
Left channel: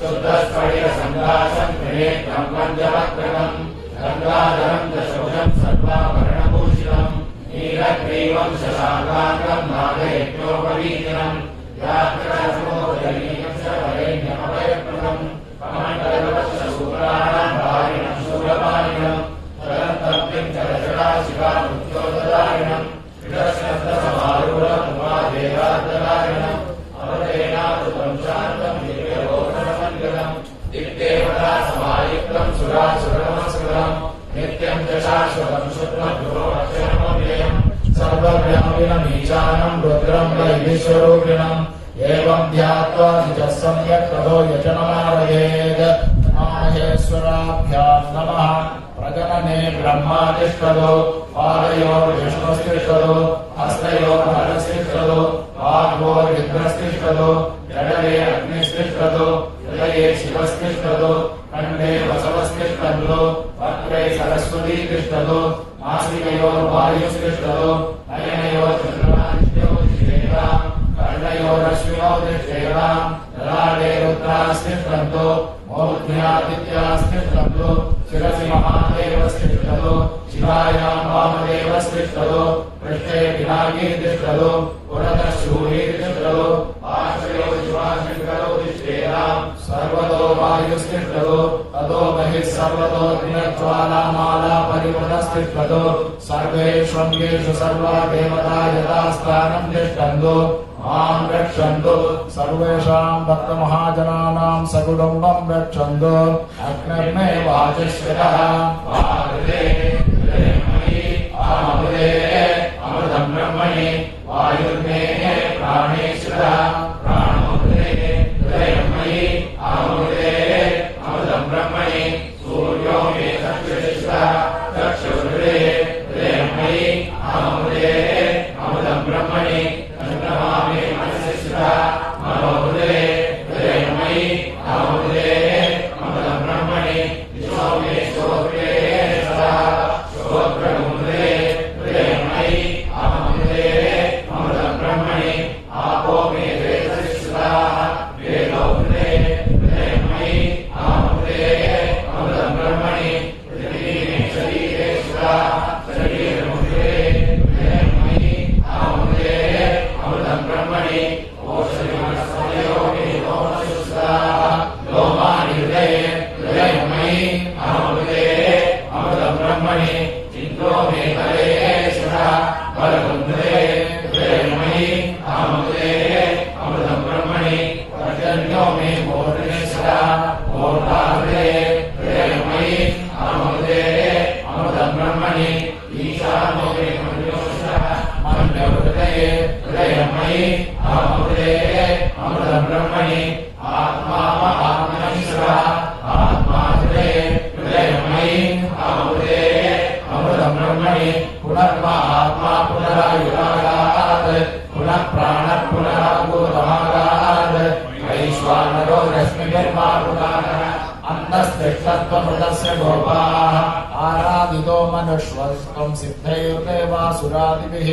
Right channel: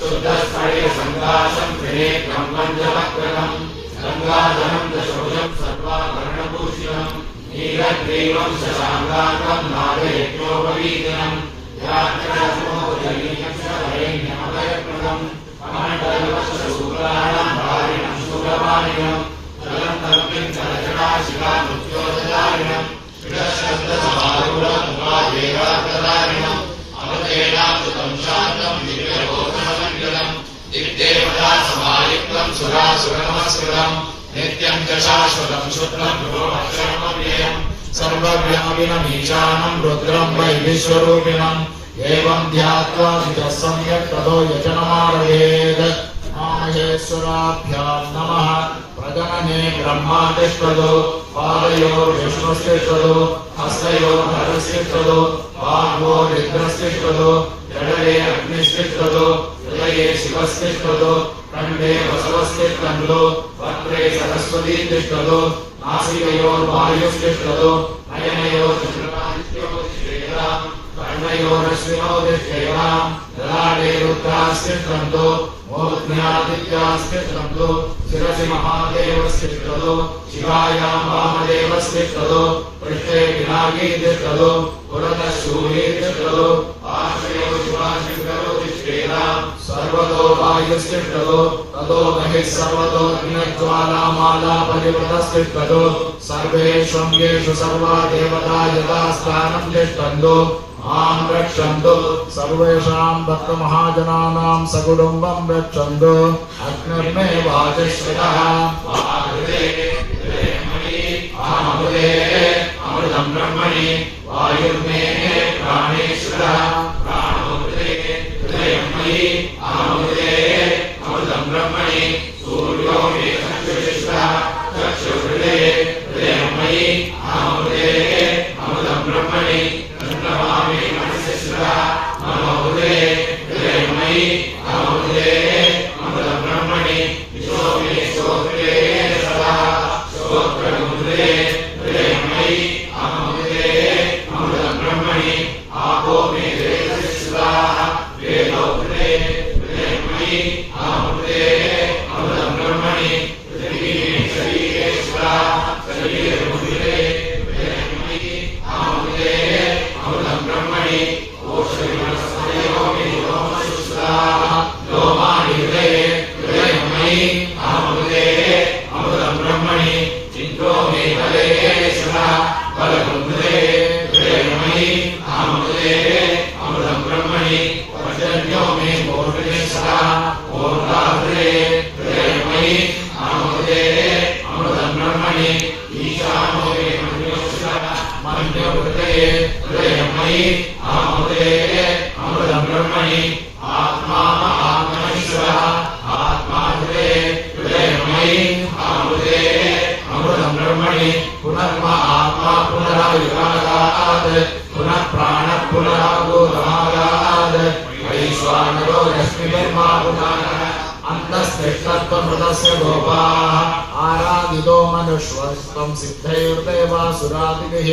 शुद्धस्फटिकसङ्काशं त्रिनेत्रं पञ्चवक्त्रं गङ्गाधरं दशभुजं सर्वाभरणभूषितं नीलग्रीवं शशाङ्कान्तं नागयज्ञोपवीतिनं व्याघ्रसमोदरीयक्षवरेण्यमभयप्रदं कमण्डलवक्षसूत्राणां भारिणं शूलपाणिनं चलन्तं चलजटाशिवामुद्योतदारिणं विदशब्दसमारूढमुखादेवाग्रदारिणं अवतेनामृतं शान्तं दिव्यलोकसमङ्गलं दिग्देवता समायुक्तं सुरासुरनमस्कृतं नित्यं च शाश्वतं शुद्धं गुरोक्षरमव्ययं सर्वव्यापिनमीशानं रुद्रं वै विश्वरूपिणम् एवं ध्यात्वा निजः सम्यक् ततो यजनमारभेत् माहेश्वराभ्यां नमः प्रजनने ब्रह्मातिष्ठतो पादयोर्विष्णुस्तिष्ठतो हस्तयोर्हरस्तिष्ठतो वाग्भोरिन्द्रस्तिष्ठतो जडले अग्निस्तिष्ठतो हृदये शिवस्तिष्ठतो कण्ठे वसवस्तिष्ठन्तो वक्त्रे सरस्वती तिष्ठतो नासिकयोर्वायुस्तिष्ठतो नयनयोर्चन्द्रमादित्यो तिष्ठेताम् कर्णयोरश्विनो तिष्ठेताम् ललाटे रुद्रास्तिष्ठन्तो मूर्ध्न्यादित्यास्तिष्ठन्तो शिरसि महादेवस्तिष्ठतो शिवायां वामदेवस्तिष्ठतो पृष्ठे पिनाकी तिष्ठतो पुरतः शूली तिष्ठतो पार्श्वयो शिवाशङ्करो तिष्ठेताम् सर्वतो वायुस्तिष्ठतो ततो महिः सर्वतो अग्निज्वालामाला परिवृतस्तिष्ठतो सर्वेषु अङ्गेषु सर्वा देवता यथास्थानं तिष्ठन्तो मां रक्षन्तु सर्वेषां भक्तमहाजनानां सकुटुम्बं रक्षन्तु अग्निर्मे वाचस्पतः अहमृते अमृतं ब्रह्मणि वायुर्मे प्राणेश्वरः प्राणोऽमृते हृदयं मयि अहमृते अमृतं ब्रह्मणि सूर्यो मे चक्षुषः चक्षुहृदये हृदयं मयि अहमृते अमृतं ब्रह्मणि चन्द्रमामे मनसश्रुतः मनोहृदये हृदयं मयि अहमृते अमृतं ब्रह्मणि विश्वो मे श्रोत्रे सदा श्रोत्रमुद्रे हृदयं मयि अहमृते अमृतं ब्रह्मणि आपो मे वेदश्रुतः वेदोहृदये हृदयं मयि अहमृते अमृतं ब्रह्मणि पृथिवी मे शरीरे श्रुतः शरीरमुद्रे हृदयं मयि अहमृते अमृतं ब्रह्मणि ओषधिवनस्पतयो मे लोमश्रुतः लोमानि हृदये हृदयं मयि अहमृते अमृतं ब्रह्मणि इन्द्रो मे बले शरः बलकुन्धे हृदयं मयि अहमृते अमृतं ब्रह्मणि पर्जन्यो मे मूर्धनेश्वरः मूर्धाहृदये हृदयं मयि अहमृते अमृतं ब्रह्मणि ईशानो मे मन्योश्वरः मन्योहृदये हृदयं मयि अहमृते अमृतं ब्रह्मणि आत्मा आत्मनीश्वरः आत्माहृदये हृदयं मयि अहमृते अमृतं ब्रह्मणि पुनर्म आत्मा पुनरायुगात् पुनः प्राणः पुनरागोरमागात् वैश्वानरो रश्मिभिर्मापुकानः अन्तस्तिष्ठत्वमृतस्य गोपाः आराधितो मनुष्वस्तं सिद्धैर्देवासुरादिभिः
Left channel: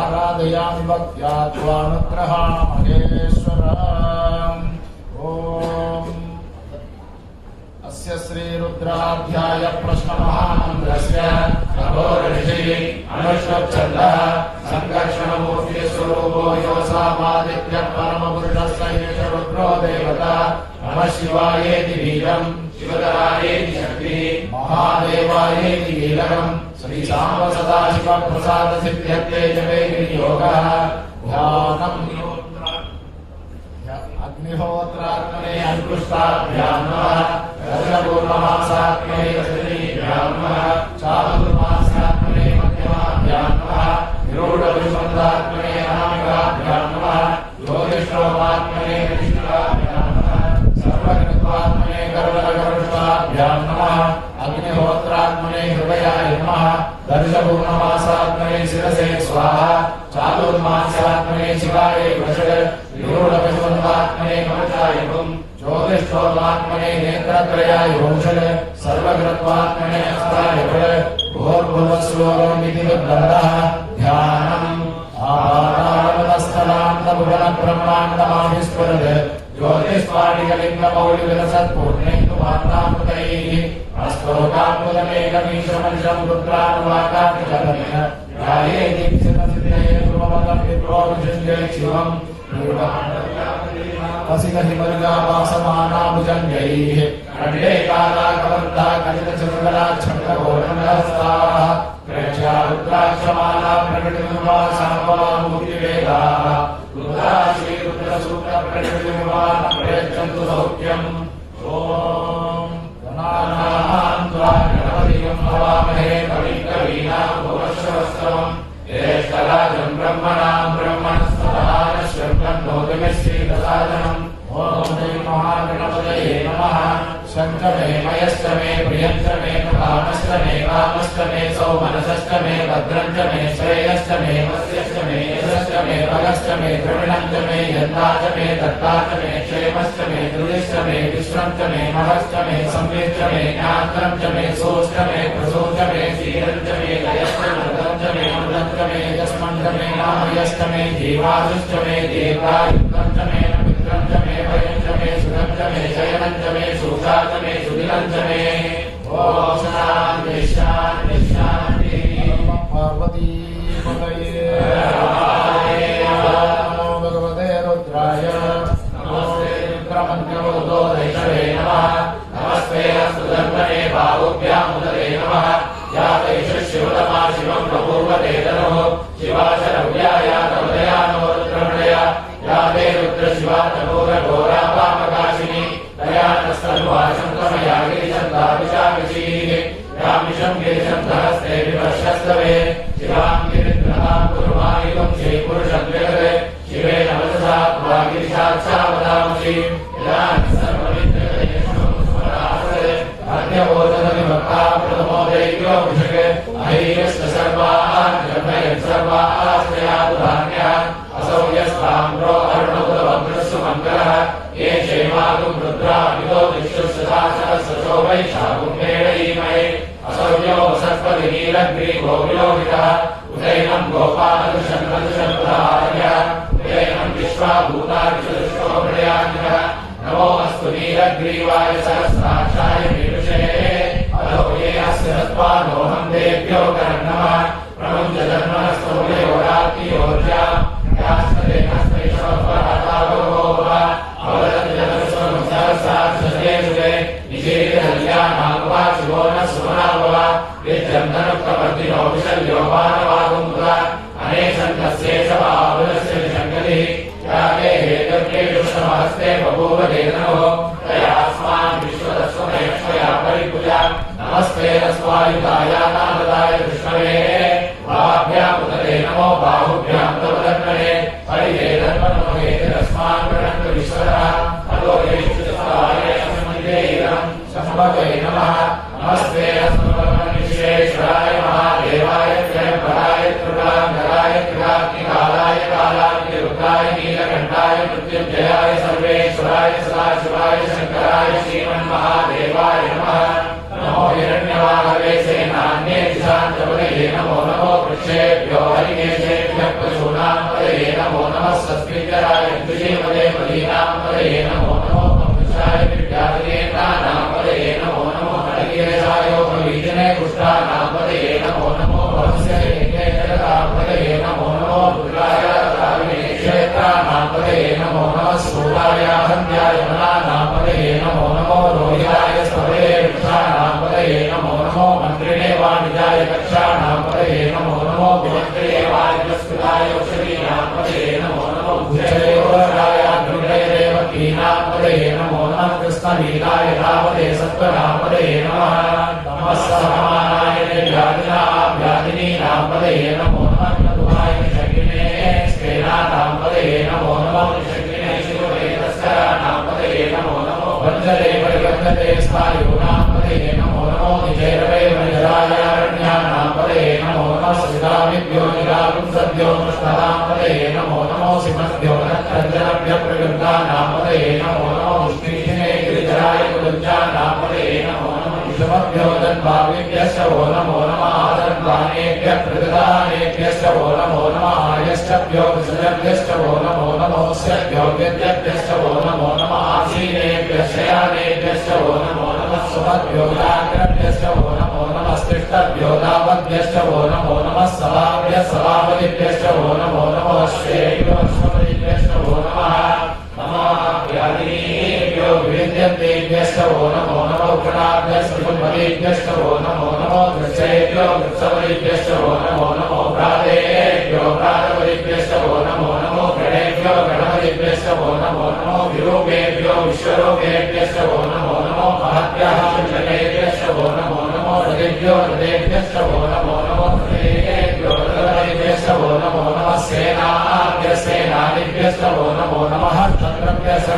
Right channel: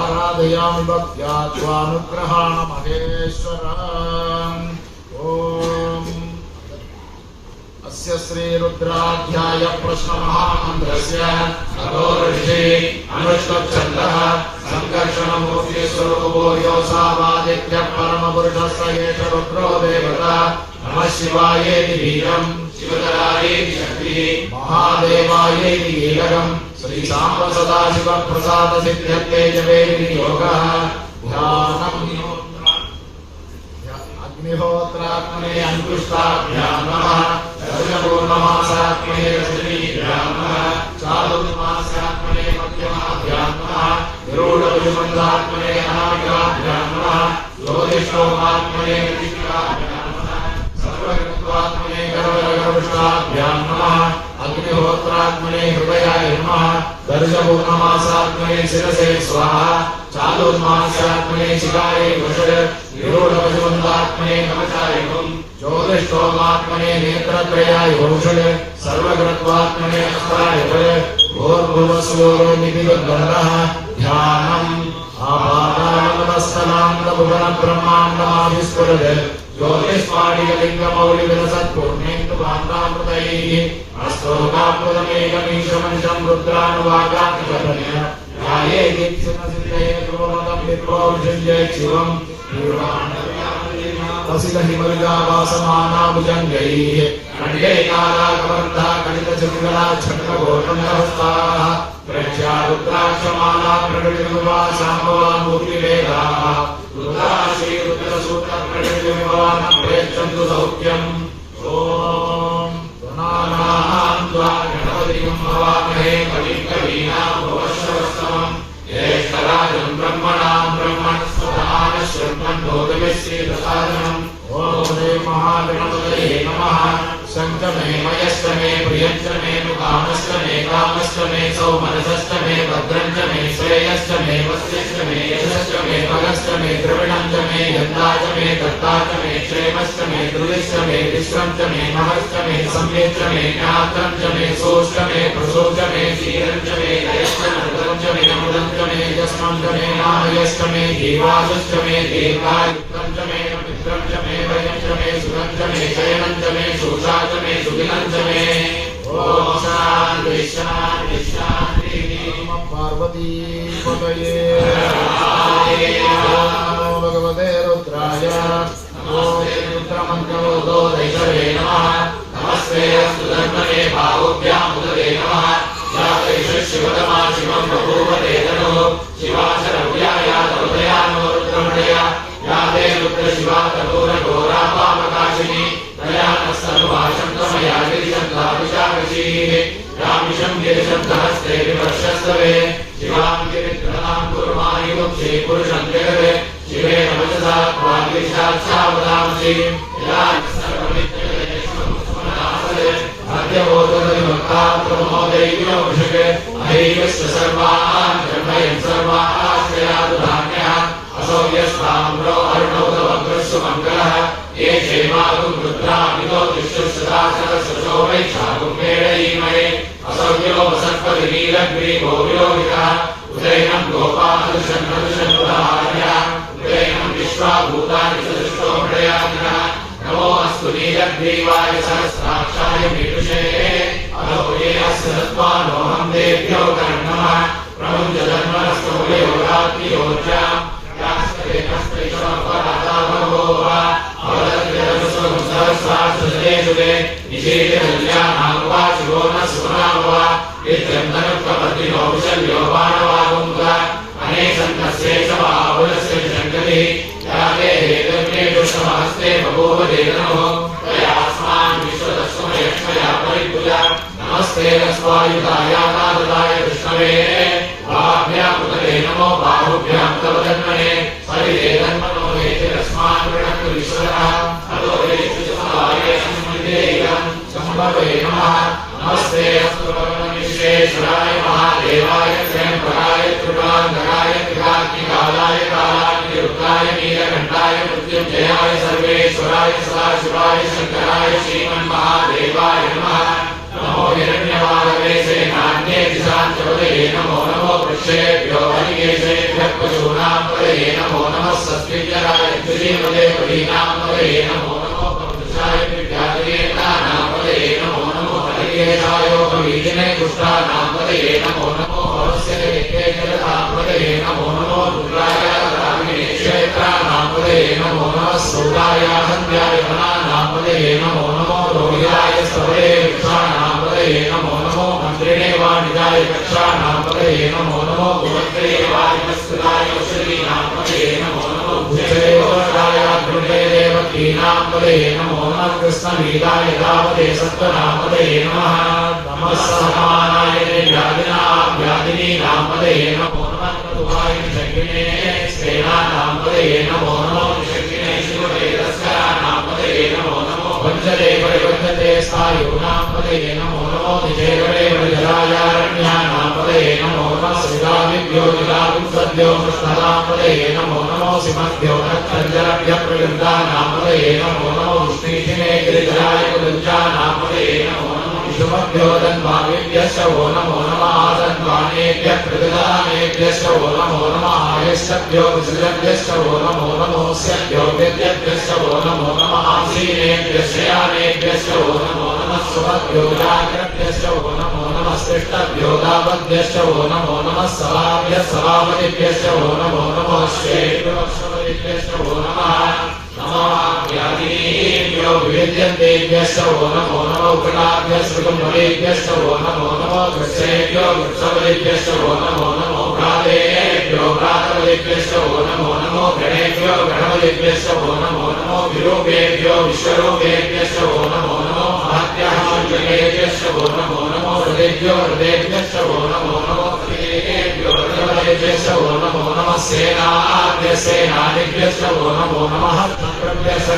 आराधयामि भक्त्या त्वानुग्रहा महेश्वरम् ॐ अस्य श्रीरुद्राध्याय प्रश्नमहामन्त्रस्य अघोऋषि अनुष्ठुप्छन्दः सङ्कर्षणमूर्तिस्वरूपो योऽसामादित्यः परमपुरुषस्य एष रुद्रो देवता नमः शिवायेति बीजम् शिवतरायेति शक्तिः महादेवायेति कीलकम् श्रीसाम्ब सदाशिवप्रसादसिद्ध्यर्थे जपे विनियोगः ध्यानम् अग्निहोत्रात्मने अंकुष्टाभ्यां नमः रजपूर्णमासात्मने रजनीभ्यां नमः चातुर्मासात्मने मध्यमाभ्यां नमः निरूढविषमन्दात्मने अनामिकाभ्यां नमः ज्योतिष्ठोमात्मने ऋषिकाभ्यां नमः सर्वगत्वात्मने गर्वगर्वष्टाभ्यां नमः अग्निहोत्रात्मने हृदयाय नमः दर्शपूर्णमासात्मने शिरसे स्वाहा चातुर्मासात्मने शिवाय वषड निरूढविषमन्दात्मने कवचाय हुम् ज्योतिष्ठोमात्मने नेत्रत्रयाय वषड सर्वगत्वात्मने अस्ताय भूर्भुवस्वरोमितिर्गन्धः ध्यानम् आपादानमस्तलान्तभुवनब्रह्माण्डमाभिस्फुरत् ज्योतिष्पाटिकलिङ्गमौलिविलसत्पूर्णेन्दुभान्तामृतैः अस्तोकामृतमेकमीशमनिशं रुद्रानुवाकातिकर्मणेन ध्याये दीक्षणसिद्धेन कृपवतं पित्रोर्जुञ्जय शिवम् वसितहिमर्यावासमानाभुजङ्गैः खड्गे कालाकबन्धः कलितचन्द्रला छत्रघोषणहस्ताः प्रख्या रुद्राक्षमाला प्रकटितुवा शाम्भवा मूर्तिवेदाः रुद्रा श्रीरुद्रसूत्रप्रकटितुवान् प्रेक्षन्तु सौख्यम् ॐ गणानां त्वा गणपतिं हवामहे कविं कवीनामुपश्रवस्तवम् ज्येष्ठराजं ब्रह्मणां ब्रह्मणस्पदान श्रद्धन्नोतिभिश्रीप्रसादनम् ॐ श्री महागणपतये नमः शङ्खमे मयश्च मे प्रियश्च मे मुकामश्च मे कामश्च मे सौमनसश्च मे भद्रञ्च मे श्रेयश्च मे वस्यश्च मे यशश्च मे बलश्च मे द्रविणञ्च मे यन्दाच मे दत्ताच मे क्षेमश्च मे द्रुयश्च मे विश्वञ्च मे महश्च मे संवेश्च मे ज्ञात्रञ्च मे सोश्च मे प्रसोश्च मे क्षीरञ्च मे लयश्च मृतञ्च मे अमृतञ्च मे यस्मञ्च मे मामयश्च मे जीवायुश्च मे दीर्घायुक्तञ्च मे मित्रञ्च मे वयञ्च मे सुरञ्च मे शयनञ्च मे सुषाच मे सुदिनञ्च मे ॐ शान्ति शान्ति शान्ति पार्वती पतये नमो भगवते रुद्राय नमो रुद्रमन्त्रोदयिषवे नमः नमस्ते अस्तु धर्मणे बाहुभ्याम् उदरे नमः या वैष शिवतमा शिवं बभूवते तनोः शिवाचरव्या या तवदयानो रुद्रमणया या ते रुद्रशिवा तघोरघोरा पापकाशिनी दयानस्तनुभाषन्तमया गिरिशन्धाभिषाभिषीः रामिषं गिरिशन्धहस्ते विवर्षस्तवे शिवां गिरिन्द्रनां कुर्मायुगं श्रीपुरुषं जगते शिवे नमसदा त्वा गिरिशाक्षावदांसि अद्यवोदनविभक्ताप्रमोदैव्योषके अहैवश्च सर्वान् ब्रह्मयन् सर्वाश्रयादुधान्यः असौ यस्ताम्रो अर्णोदवग्रस्सु मङ्गलः ये क्षेमागुं रुद्रामितो दिक्षुसदाशरसो वैशाखुं मेडयीमहे असौ यो वसत्पतिनीलग्रीवो विलोहितः उदयनं गोपालदुषन्नदुषन्प्रहार्यः उदयनं विश्वाभूतानि चतुष्टो प्रयान्यः नमो अस्तु नीलग्रीवाय सहस्राक्षाय मीदुषे अधो ये अस्य सत्त्वानोऽहं देभ्यो कर्णमः प्रमुञ्च धर्मनस्तोले योगात्ति योजा यास्ते नस्ते स्वपराता भगोवा अवदत्तदस्वं सहस्राक्षसदे सुदे निषेधल्यानां शिवो न सुनाभवा यज्जन्धनुक्तवर्तिनो विशल्यो मानवागुङ्गा अनेसन्तस्येषवावुलस्य शङ्कतिः याते हेतुर्केषुषमहस्ते बभूव देनोः तयास्मान् विश्वतस्वमयक्षया परिपूजा नमस्ते रस्वायुधाय नारदाय विष्णवे बाह्भ्यामुदरे नमो बाहुभ्यां तव धन्मने परिदेधन्मनोहेतिरस्मान् प्रणम्य विश्वरः अतो येषुचसाय सम्मदेयं सम्भवे नमः नमस्ते अस्तु विश्वेश्वराय महादेवाय त्र्यम्बकाय त्रिपुरान्तकाय त्रिकाग्निकालाय कालाग्निरुद्राय नीलकण्ठाय मृत्युञ्जयाय सर्वेश्वराय शिवाय सदाशिवाय शंकराय श्रीमन्महादेवाय नमः। नमो हिरण्यवाहवे सेनान्ये दिशान्तपदये नमो नमो वृक्षेभ्यो हरिकेशेभ्यः पशूनां पदये नमो नमः। सस्मिञ्जराय श्रीमदे पदीनां पदये नमो नमो पक्षाय विद्याधरेन्द्राणां पदये नमो नमो। हरिकेशायोगवीजने कुष्ठानां पदये नमो नमो। भवस्य देहेकरतां पदये नमो नमो। रुद्राय रामिणे क्षेत्राणां पदये नमो नमः। सूराय हन्याय वनानां पदये नमो नमो। रोहिताय स्तवे वृक्षाणां पदये नमो नमो। मन्त्रिणे वाणिजाय कक्षाणां पदये नमो नमो। भुवन्त्रिणे वाणिजस्कृताय औषधीनां पदये नमो नमो। भुजदेवराय अग्निजय देवकीनां पदये नमो नमः। कृष्णलीलाय रावते सत्त्वनां पदये नमः। नमः सहमानाय व्याधिनीनां पदये नमो नमः। क्रतुहाय शक्तिने स्तेनानां पदये नमो नमो। शक्तिने शिववेदस्कराणां पदये नमो नमो। वञ्जरे परिवर्तते स्थायुनां पदये नमो नमो। निजेकरे वज्रायारण्यानां पदये नमो नमः। सिदाविभ्यो निराविंसद्यो कृष्णतां पदये नमो नमो। सिमद्भ्यो नक्षत्रव्यप्रयुक्तानां पदये नमो नमो। विष्णुजिने गिरिधराय कुलञ्जानां पदये नमो नमो। विषमभ्यो धन्वाविभ्यश्च वो नमो नमः। धन्वानेभ्यः प्रतिदानेभ्यश्च वो नमो नमः। आयश्चभ्यो विसृजभ्यश्च वो नमो नमो। स्यभ्यो व्यत्यभ्यश्च वो नमो नमः। आसीनेभ्यश्च यानेभ्यश्च वो नमो नमः। सुमभ्यो जाग्रभ्यश्च वो नमो नमः। स्पृष्टभ्यो दावद्भ्यश्च वो नमो नमः। सभावतिभ्यश्च वो नमो नमः। श्वेभ्यो अश्वपतिभ्यश्च वो नमः। नमः व्याधिनीभ्यो विविध्यन्तेभ्यश्च वो नमो नमः। उग्रणाभ्यश्च कुम्भवेभ्यश्च वो नमो नमः। वृक्षेभ्यो वृक्षवलिभ्यश्च वो नमो नमः। भ्रातेभ्यो भ्रातवलिभ्यश्च वो नमो नमः। गणेभ्यो गणवलिभ्यश्च वो नमो नमः। विरूपेभ्यो विश्वरूपेभ्यश्च वो नमो नमः। महत्याः जगेभ्यश्च वो नमो नमः। हृदेभ्यो हृदेभ्यश्च वो नमो नमः। हृदेभ्यो हृदयेभ्यश्च वो नमो नमः। सेनादिभ्यश्च वो नमो नमः।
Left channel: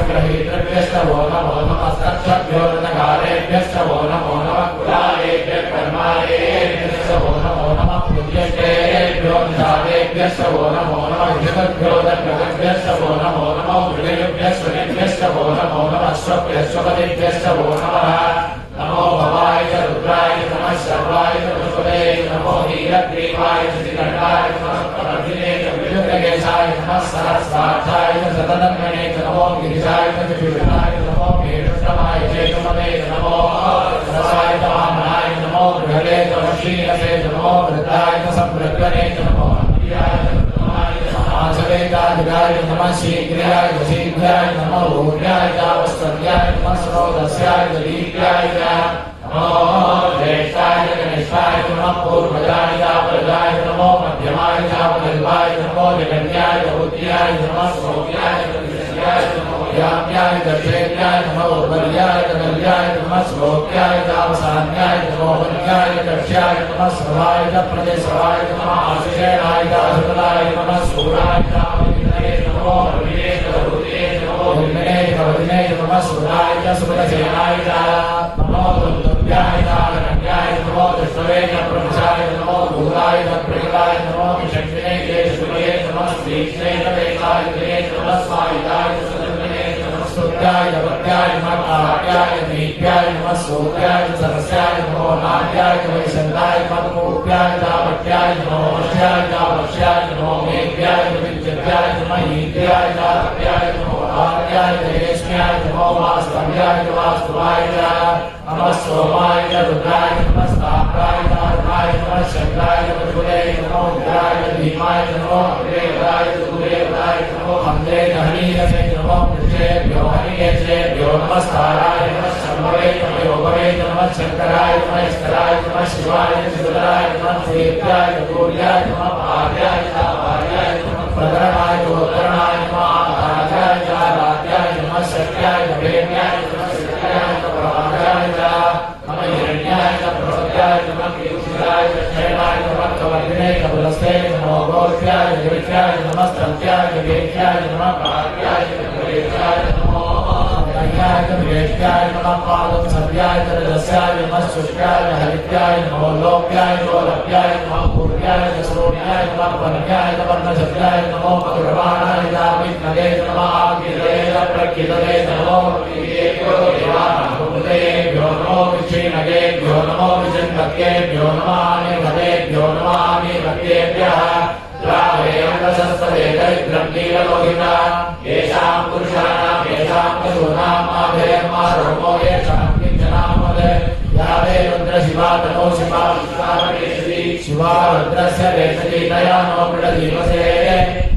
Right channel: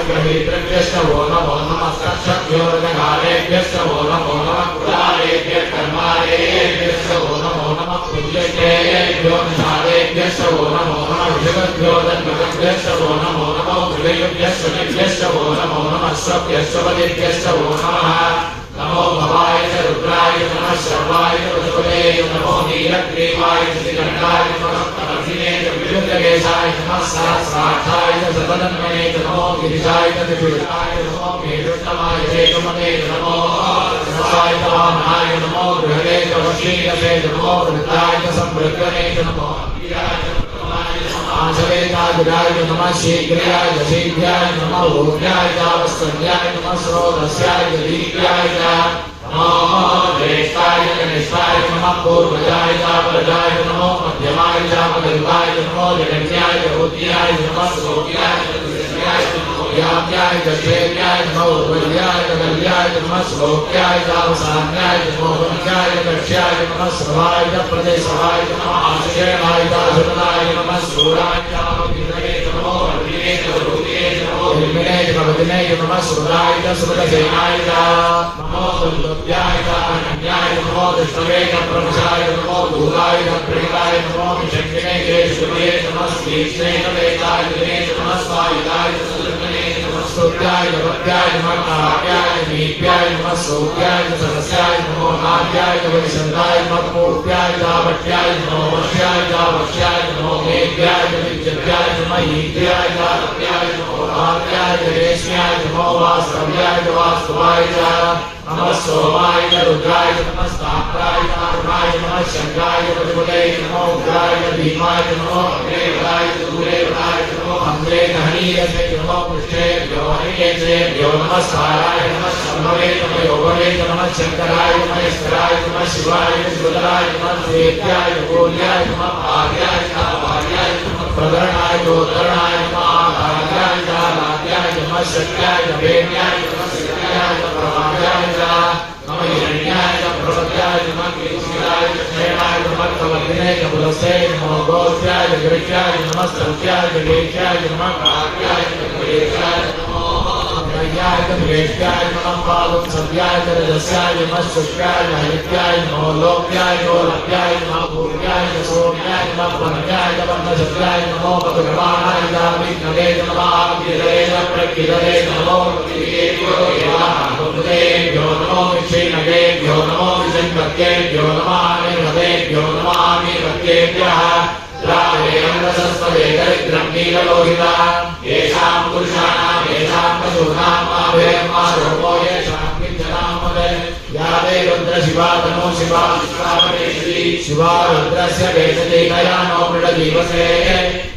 ग्रहेभ्यश्च वो नमो नमः। तक्षभ्यो ऋणकालेभ्यश्च वो नमो नमः। कुलालेभ्यः कर्मालेभ्यश्च वो नमो नमः। पूज्येभ्यो निषादेभ्यश्च वो नमो नमः। विषभ्यो दण्डभ्यश्च वो नमो नमः। हृदयेभ्यश्च निभ्यश्च वो नमो नमः। स्वप्यश्वपतिभ्यश्च वो नमः। नमो भवाय च रुद्राय नमः। शर्वाय च वसुपते नमो। नीलग्रीवाय च श्रीकण्ठाय नमः। प्रभृतिने च विविधकेशाय नमः। सहस्राक्षाय च सततन्मने नमो। गिरिशाय च त्रिशूलाय नमो। मेरुत्तमाय चेतुमते नमो। रसाय च वामनाय नमो। बृहदे च वशीलसे नमो। वृताय च संवृत्तने नमो। आसवेताय नमः। शीघ्राय च शीघ्राय नमः। ऊर्ध्याय च वस्कल्याय नमः। स्रोतस्याय च दीप्याय च नमो। ज्येष्ठाय च कनिष्ठाय नमः। पूर्वजाय च प्रजाय नमो। मध्यमाय च विकल्पाय नमो। जगन्याय च बुद्ध्याय नमः। सौम्याय च विशेष्याय नमो। याम्याय च क्षेम्याय नमो। उर्वर्याय च कल्याय नमः। श्लोक्याय च अवसान्याय नमो। वन्याय च दक्ष्याय नमः। सर्वाय च प्रदेशवाय नमः। आश्रयाय च अशुनाय नमः। सूराय च अविद्ये नमो। अग्निये च रुद्रे नमो। हिरण्ये च भवदिने नमः। सुराय च सुरसेनाय च नमो। दुर्लभ्याय च कन्याय नमो। विष्णवे च प्रभुषाय नमो। दूराय च प्रेताय नमो। शक्तिने च शुभये नमः। श्रीष्णे च वेदाय नमः। स्वायुधाय च सदर्मिने नमः। स्तुत्याय च भक्त्याय नमः। काव्याय च नीत्याय नमः। सौक्याय च सरस्याय नमो। नाट्याय च वैशन्ताय नमः। पूर्व्याय च भट्याय नमो। वक्ष्याय च वक्ष्याय नमो। मेघ्याय च विद्याय नमः। ईद्याय च तप्याय नमो। भार्याय च रेश्म्याय नमो। वास्तव्याय च वास्तवाय च नमः। सोमाय च रुद्राय नमः। स्थात्राय च अरुणाय नमः। शंकराय च पशुपते नमो। उग्राय च भीमाय नमो। अग्रेवराय च दूरेवराय नमो। मन्दे च हनीयसे नमो। पृष्ठेभ्यो हनीयेभ्यो नमः। स्थाराय नमः। शम्भवे नमः। योगवे नमः। शंकराय नमः। ईश्वराय नमः। शिवाय च शिवराय नमः। देव्याय च गौर्याय नमः। भार्याय च भार्याय नमः। प्रकरणाय च उत्तरणाय नमः। आराध्याय च आराध्याय नमः। शक्याय च वेद्याय नमः। शक्याय च प्रभाव्याय च नमः। हिरण्याय च प्रवत्याय नमः। कीर्तिराय च क्षयणाय नमः। कवग्ने च पुलस्ते नमो। गोष्ठ्याय च गिरिष्याय नमः। स्तव्याय च गेष्याय नमः। भाग्याय च गणेशाय नमो। दैत्याय च द्वेष्ट्याय नमः। पावक सव्याय च रजस्याय नमः। शुक्राय च हरित्याय नमो। लोक्याय च लभ्याय नमः। पूर्व्याय च सोम्याय नमः। वन्याय च वर्णशब्दाय नमो। पदुर्वाणाय च विष्णवे नमः। आविर्वेद किदते नमो प्रतिकेभ्यो देवानागुरुदेभ्यो नमो विक्षीणकेभ्यो नमो विचिन्तकेभ्यो नमामिमतेभ्यो नमामिमतेभ्यः द्रावेन्द्रसस्वदे दरिद्रं नीललोहिता येषां पुरुषाणां येषां पशूनाम् आभेर्मा रोमो येषां किञ्चनामदे या वे रुद्रशिवा तनो शिवा विश्वापरेशति शिवा रुद्रस्य वेशति तया नो मृडजीवसे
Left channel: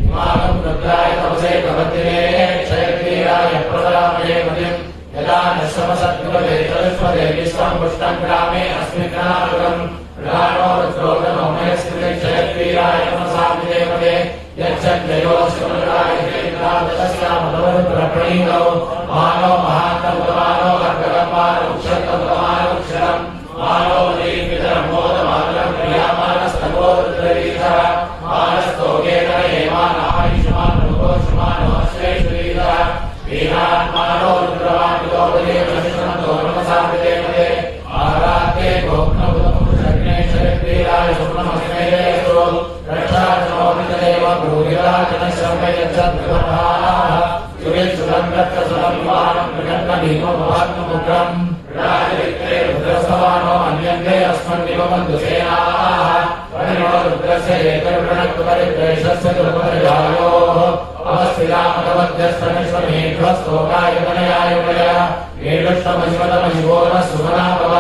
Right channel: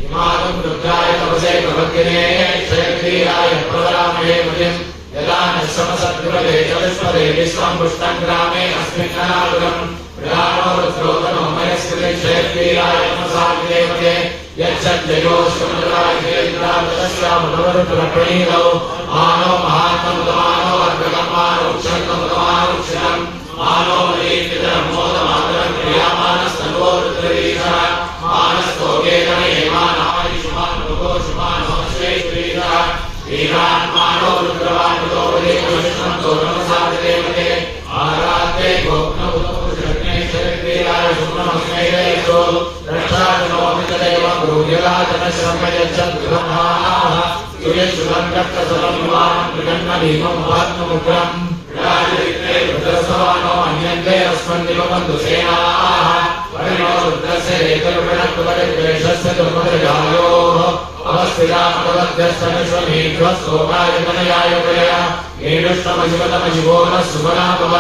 इमागं रुद्राय तपसे प्रपद्यते क्षेत्रीयाय प्रवरामहे मतिं यदा न समसत्कृपते चतुष्पदे विश्वं पुष्टं ग्रामे अस्मिन् अनागुरम् प्रधानो रुद्रोतनो मयस्कृते क्षेत्रीयाय नमसाग्रेवते यच्छञ्जयोश्वराय क्षेत्रादस्यामनोरुद्रप्रणीतौ मानो महात्मं तमानो अर्धकम्पानो क्षतं तमानो क्षरम् मानो मरीपितरं मोदमातरं प्रियामानस्तनोरुद्रवीशः मानस्तोकेतने मानायुष्मानो श्रेष्ठवीशः वीरात्मानो रुद्रवान्वितो वदेशं तो नमसाग्रेवते आरात्ते गोप्नभूतपुरुषग्ने क्षेत्रीयाय सुब्रह्मण्ये देवो रक्षात्मोऽपितदेवं गुरुविराजनश्रमयच्छद्गृहः सुरेशुभङ्कट्टसलमिवां मृगन्मभीमं महात्ममुग्रं राजरित्रे रुद्रसवानो अन्यन्ते अस्मन्निवबन्धुसेनाः परिणो रुद्रस्य एकरुणत्वपरिद्वेषस्य कृपरिगायोः अवस्थितामगवद्यस्वनिष्वमेघ्वस्तोकाय मनयाय प्रया येडुष्टमजिवतमजिवोरः सुमनाभव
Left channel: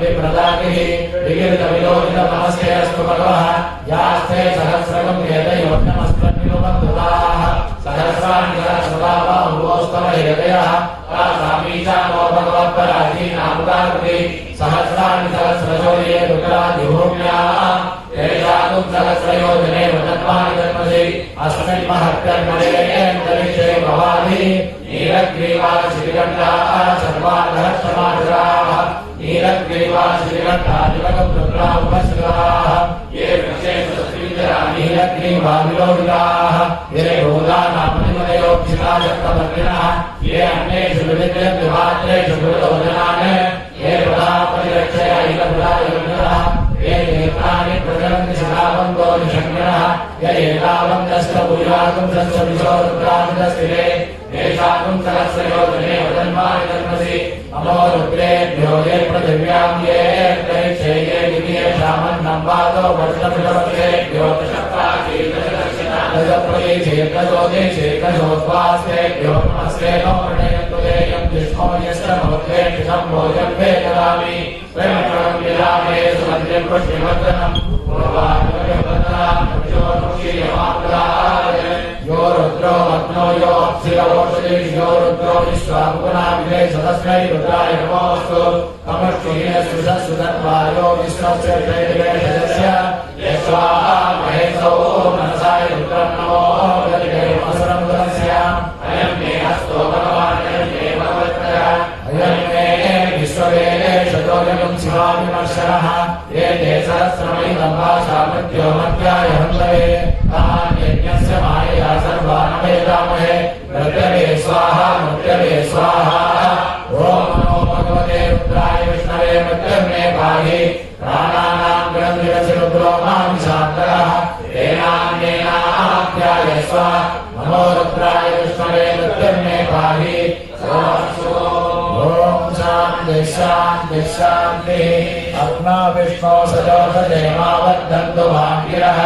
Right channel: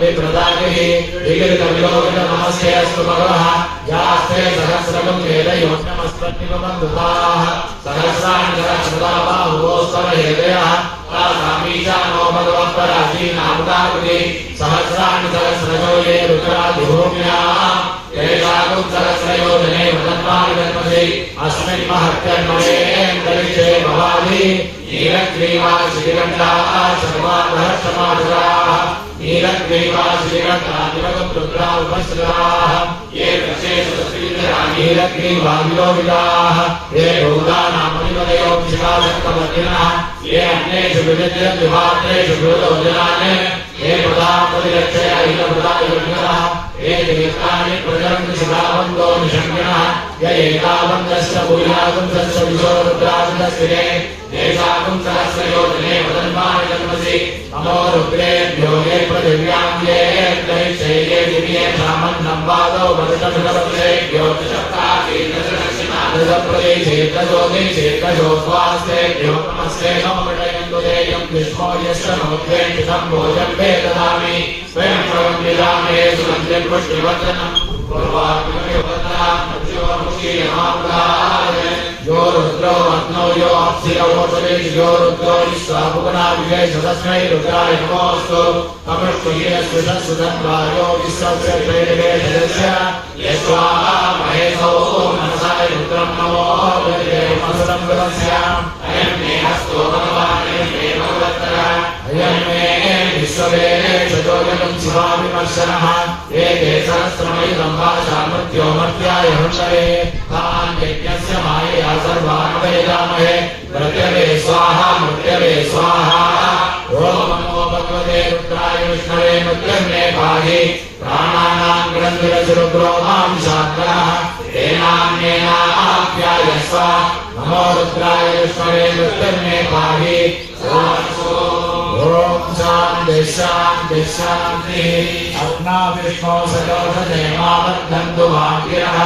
विप्रदागिहि अस्तु भगवः यास्ते सहस्रकं वेदयोग्नमस्मन्निवबन्धुताः सहस्राणि सहस्रदाबाहुवोस्तव हृदयः तासामीशानो भगवः पराधीनामुदाकृति सहस्राणि सहस्रजो ये रुद्रादिभूम्याः तेषां सहस्रयोजने वदन्मानि जन्मसि अस्मिन् महत्यन्मयेन्द्रविषये भवामि नीलग्रीवाशिखिगण्डाः सर्वाधःक्षमाधुराः नीलग्रीवाशिखिगण्डादिवगुप्तुग्रा उपस्थिताः ये विशेषसुन्दरा नीलग्रीवाविलोहिताः ये भूतानामनिमदयोक्षिकाशक्तवर्तिनः ये अन्येषु विविधद्विभात्रेषु गुरुजनान् ये पदापरिरक्षय अहिलपदायुग्नः ये देवतानि प्रचरन्ति शिखावन्तो निषङ्गिणः य एतावन्तस्य भूयागुंसस्य विशोरुद्राभिदस्थिते देशागुं सहस्रयोजने वदन्मानि जन्मसि नमो रुद्रेभ्यो ये पृथिव्यां ये त्रैक्षे ये दिव्ये सामन्नं वादो वर्षमिषपतेभ्यो दशप्रदेशेकशोदेशेकशोद्वास्तेभ्यो नमस्ते नमोर्णेन्दुदेयं विष्णो यस्य नमोद्वेष्टितं भोजं वे ददामि स्वयं प्रवन्दिदामे सुमन्दिं पुष्टिवर्धनं पूर्वात्मकवदनां मज्जोमुखीयमाप्राय यो रुद्रो अग्नो यो अप्सिरवोषेश यो रुद्रो विश्वाभुवनाभिषेश तस्मै रुद्राय नमोऽस्तु तमष्टुयेषुषसुधन्वायो विश्वस्य त्रैलोक्यस्य यस्वाहा महेशो मनसाय रुद्रं नमो गतिदेवमसंगमस्य अयं मे हस्तो भगवान् अयं मे भगवत्तरः अयं मे विश्ववेशतोजगं शिवाविमर्शनः एते सहस्रमयिनं भाषामृत्यो मध्याय हंसये तान् यज्ञस्य मायया सर्वान् वेदामहे मृत्यवे स्वाहा ॐ नमो भगवते रुद्राय विष्णवे मृत्युर्मे पाहि प्राणानां ग्रन्थिरसुरुद्रो मां शान्तः तेनान्येनाप्यायस्व नमो रुद्राय विष्णवे मृत्युर्मे पाहि ॐ शान्ति शान्तिः अग्ना विष्णो सजोषदेमावर्धन्तु वाङ्गिरः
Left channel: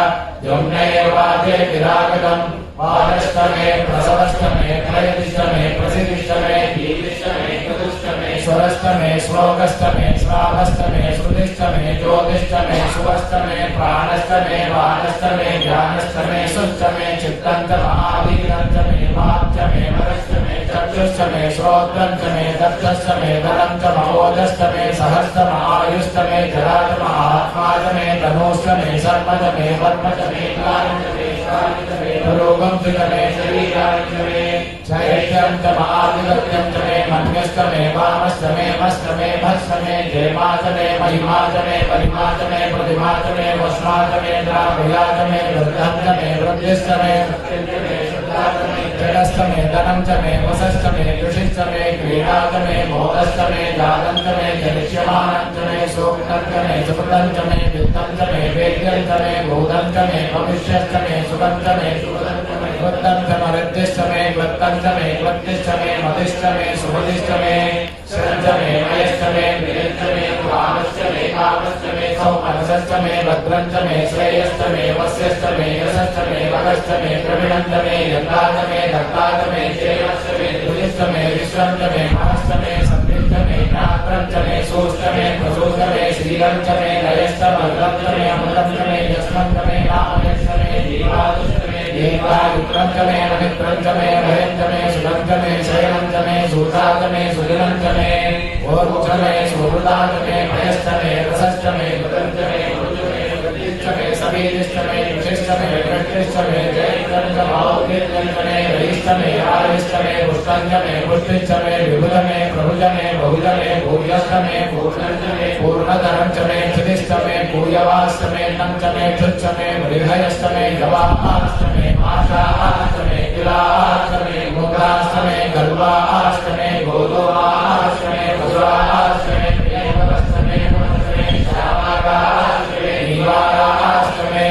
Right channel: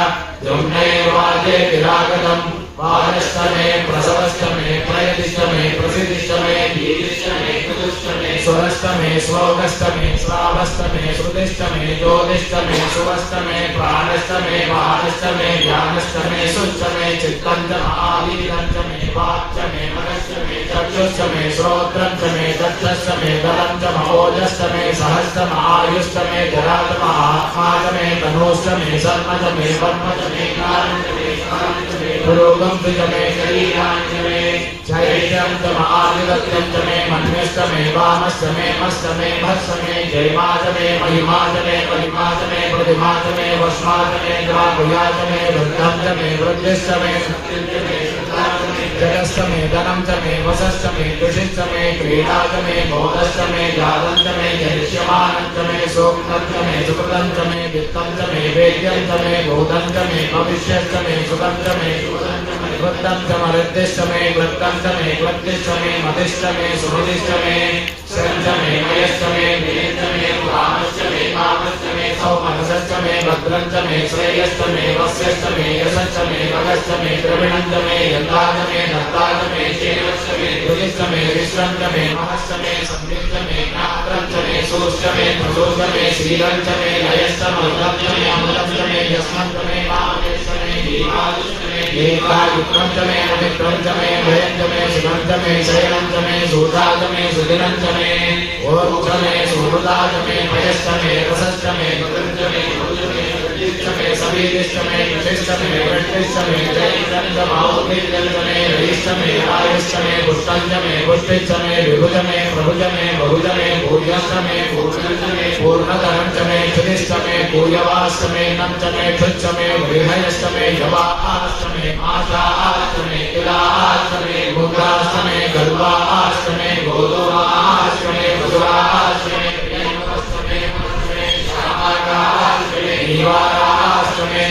जुम्नैर्वाजे विरागतम् वाजस्तमे प्रसवस्तमे प्रयतिष्टमे प्रसिद्धिष्टमे दीर्घिष्टमे चतुष्टमे स्वरस्तमे श्लोकस्तमे स्वावस्तमे श्रुतिष्टमे ज्योतिष्टमे सुवस्तमे प्राणस्तमे वानस्तमे ज्ञानस्तमे सुष्टमे चित्तन्तमादिरञ्चमे वाक्चमे मगस्तमे चक्षुष्टमे श्रोत्रञ्चमे दक्षस्तमे गलञ्च महोजस्तमे सहस्तमायुष्टमे जरातम आत्मातमे तनोष्टमे सर्वतमे वर्मतमे कारणतमे कारणतमे पुरोगं वितमे शरीराञ्चमे चैत्यन्तमादिगत्यन्तमे मन्यस्तमे वामस्तमे मस्तमे भस्तमे जयमातमे महिमातमे परिमातमे प्रतिमातमे वस्मातमे द्वाभयातमे वृद्धन्तमे वृद्धिस्तमे सत्यन्तमे शुद्धातमे धनश्च मे धनं च मे वशश्च मे कृषिश्च मे क्रीडा च मे मोदश्च मे जातं च मे जनिष्यमानं च मे सूक्तं च मे सुकृतं च मे वित्तं च मे वेद्यं च मे भूतं च मे भविष्यश्च मे सुखं च मे वृत्तं च मरुद्दिश्च मे वृत्तं च मे वृत्तिश्च मे मतिश्च मे सुमतिश्च मे श्रं च मे मयश्च मे प्रियं च मे पुराणश्च मे कामश्च मे सौमनसश्च मे भद्रं च मे श्रेयश्च मे वस्यश्च मे यशश्च मे भगश्च मे द्रविणं च मे यन्ता च मे दत्ता च मे शेवश्च मे दुरिश्च मे विश्वं च मे महश्च मे सत्तं च मे ज्ञात्रं च मे सूश्च मे प्रसूश्च मे शीलं च मे लयश्च मल्लं च मे अमलं च मे यस्मं च मे कामयश्च मे जीवायुश्च मे दीर्घायुत्रं च मे पवित्रं च मे भयं च मे सुखं च मे शयनं च मे सूता च मे सुदिनं च मे ओं च मे सुहृदा च मे भयश्च मे रसश्च मे दुतं च मे च मे सवीरिश्च मे कृषिश्च मे वृष्टिश्च मे जयन्तं च मौर्तिर्यं च मे रयिश्च मे आयुश्च मे पुष्टं च मे पुष्टिश्च मे विभुज मे प्रभुज मे बहुज मे भूयश्च मे पूर्णं च मे पूर्णतरं च मे क्षितिश्च मे पूयवाश्च मे नं च मे क्षुच्च मे गृहयश्च मे जवाश्च मे आशाश्च मे किलाश्च मे मुद्राश्च मे गर्वाश्च मे गोधुवाश्च मे मधुराश्च मे प्रियवश्च मे श्यामाश्च मे निवाराश्च मे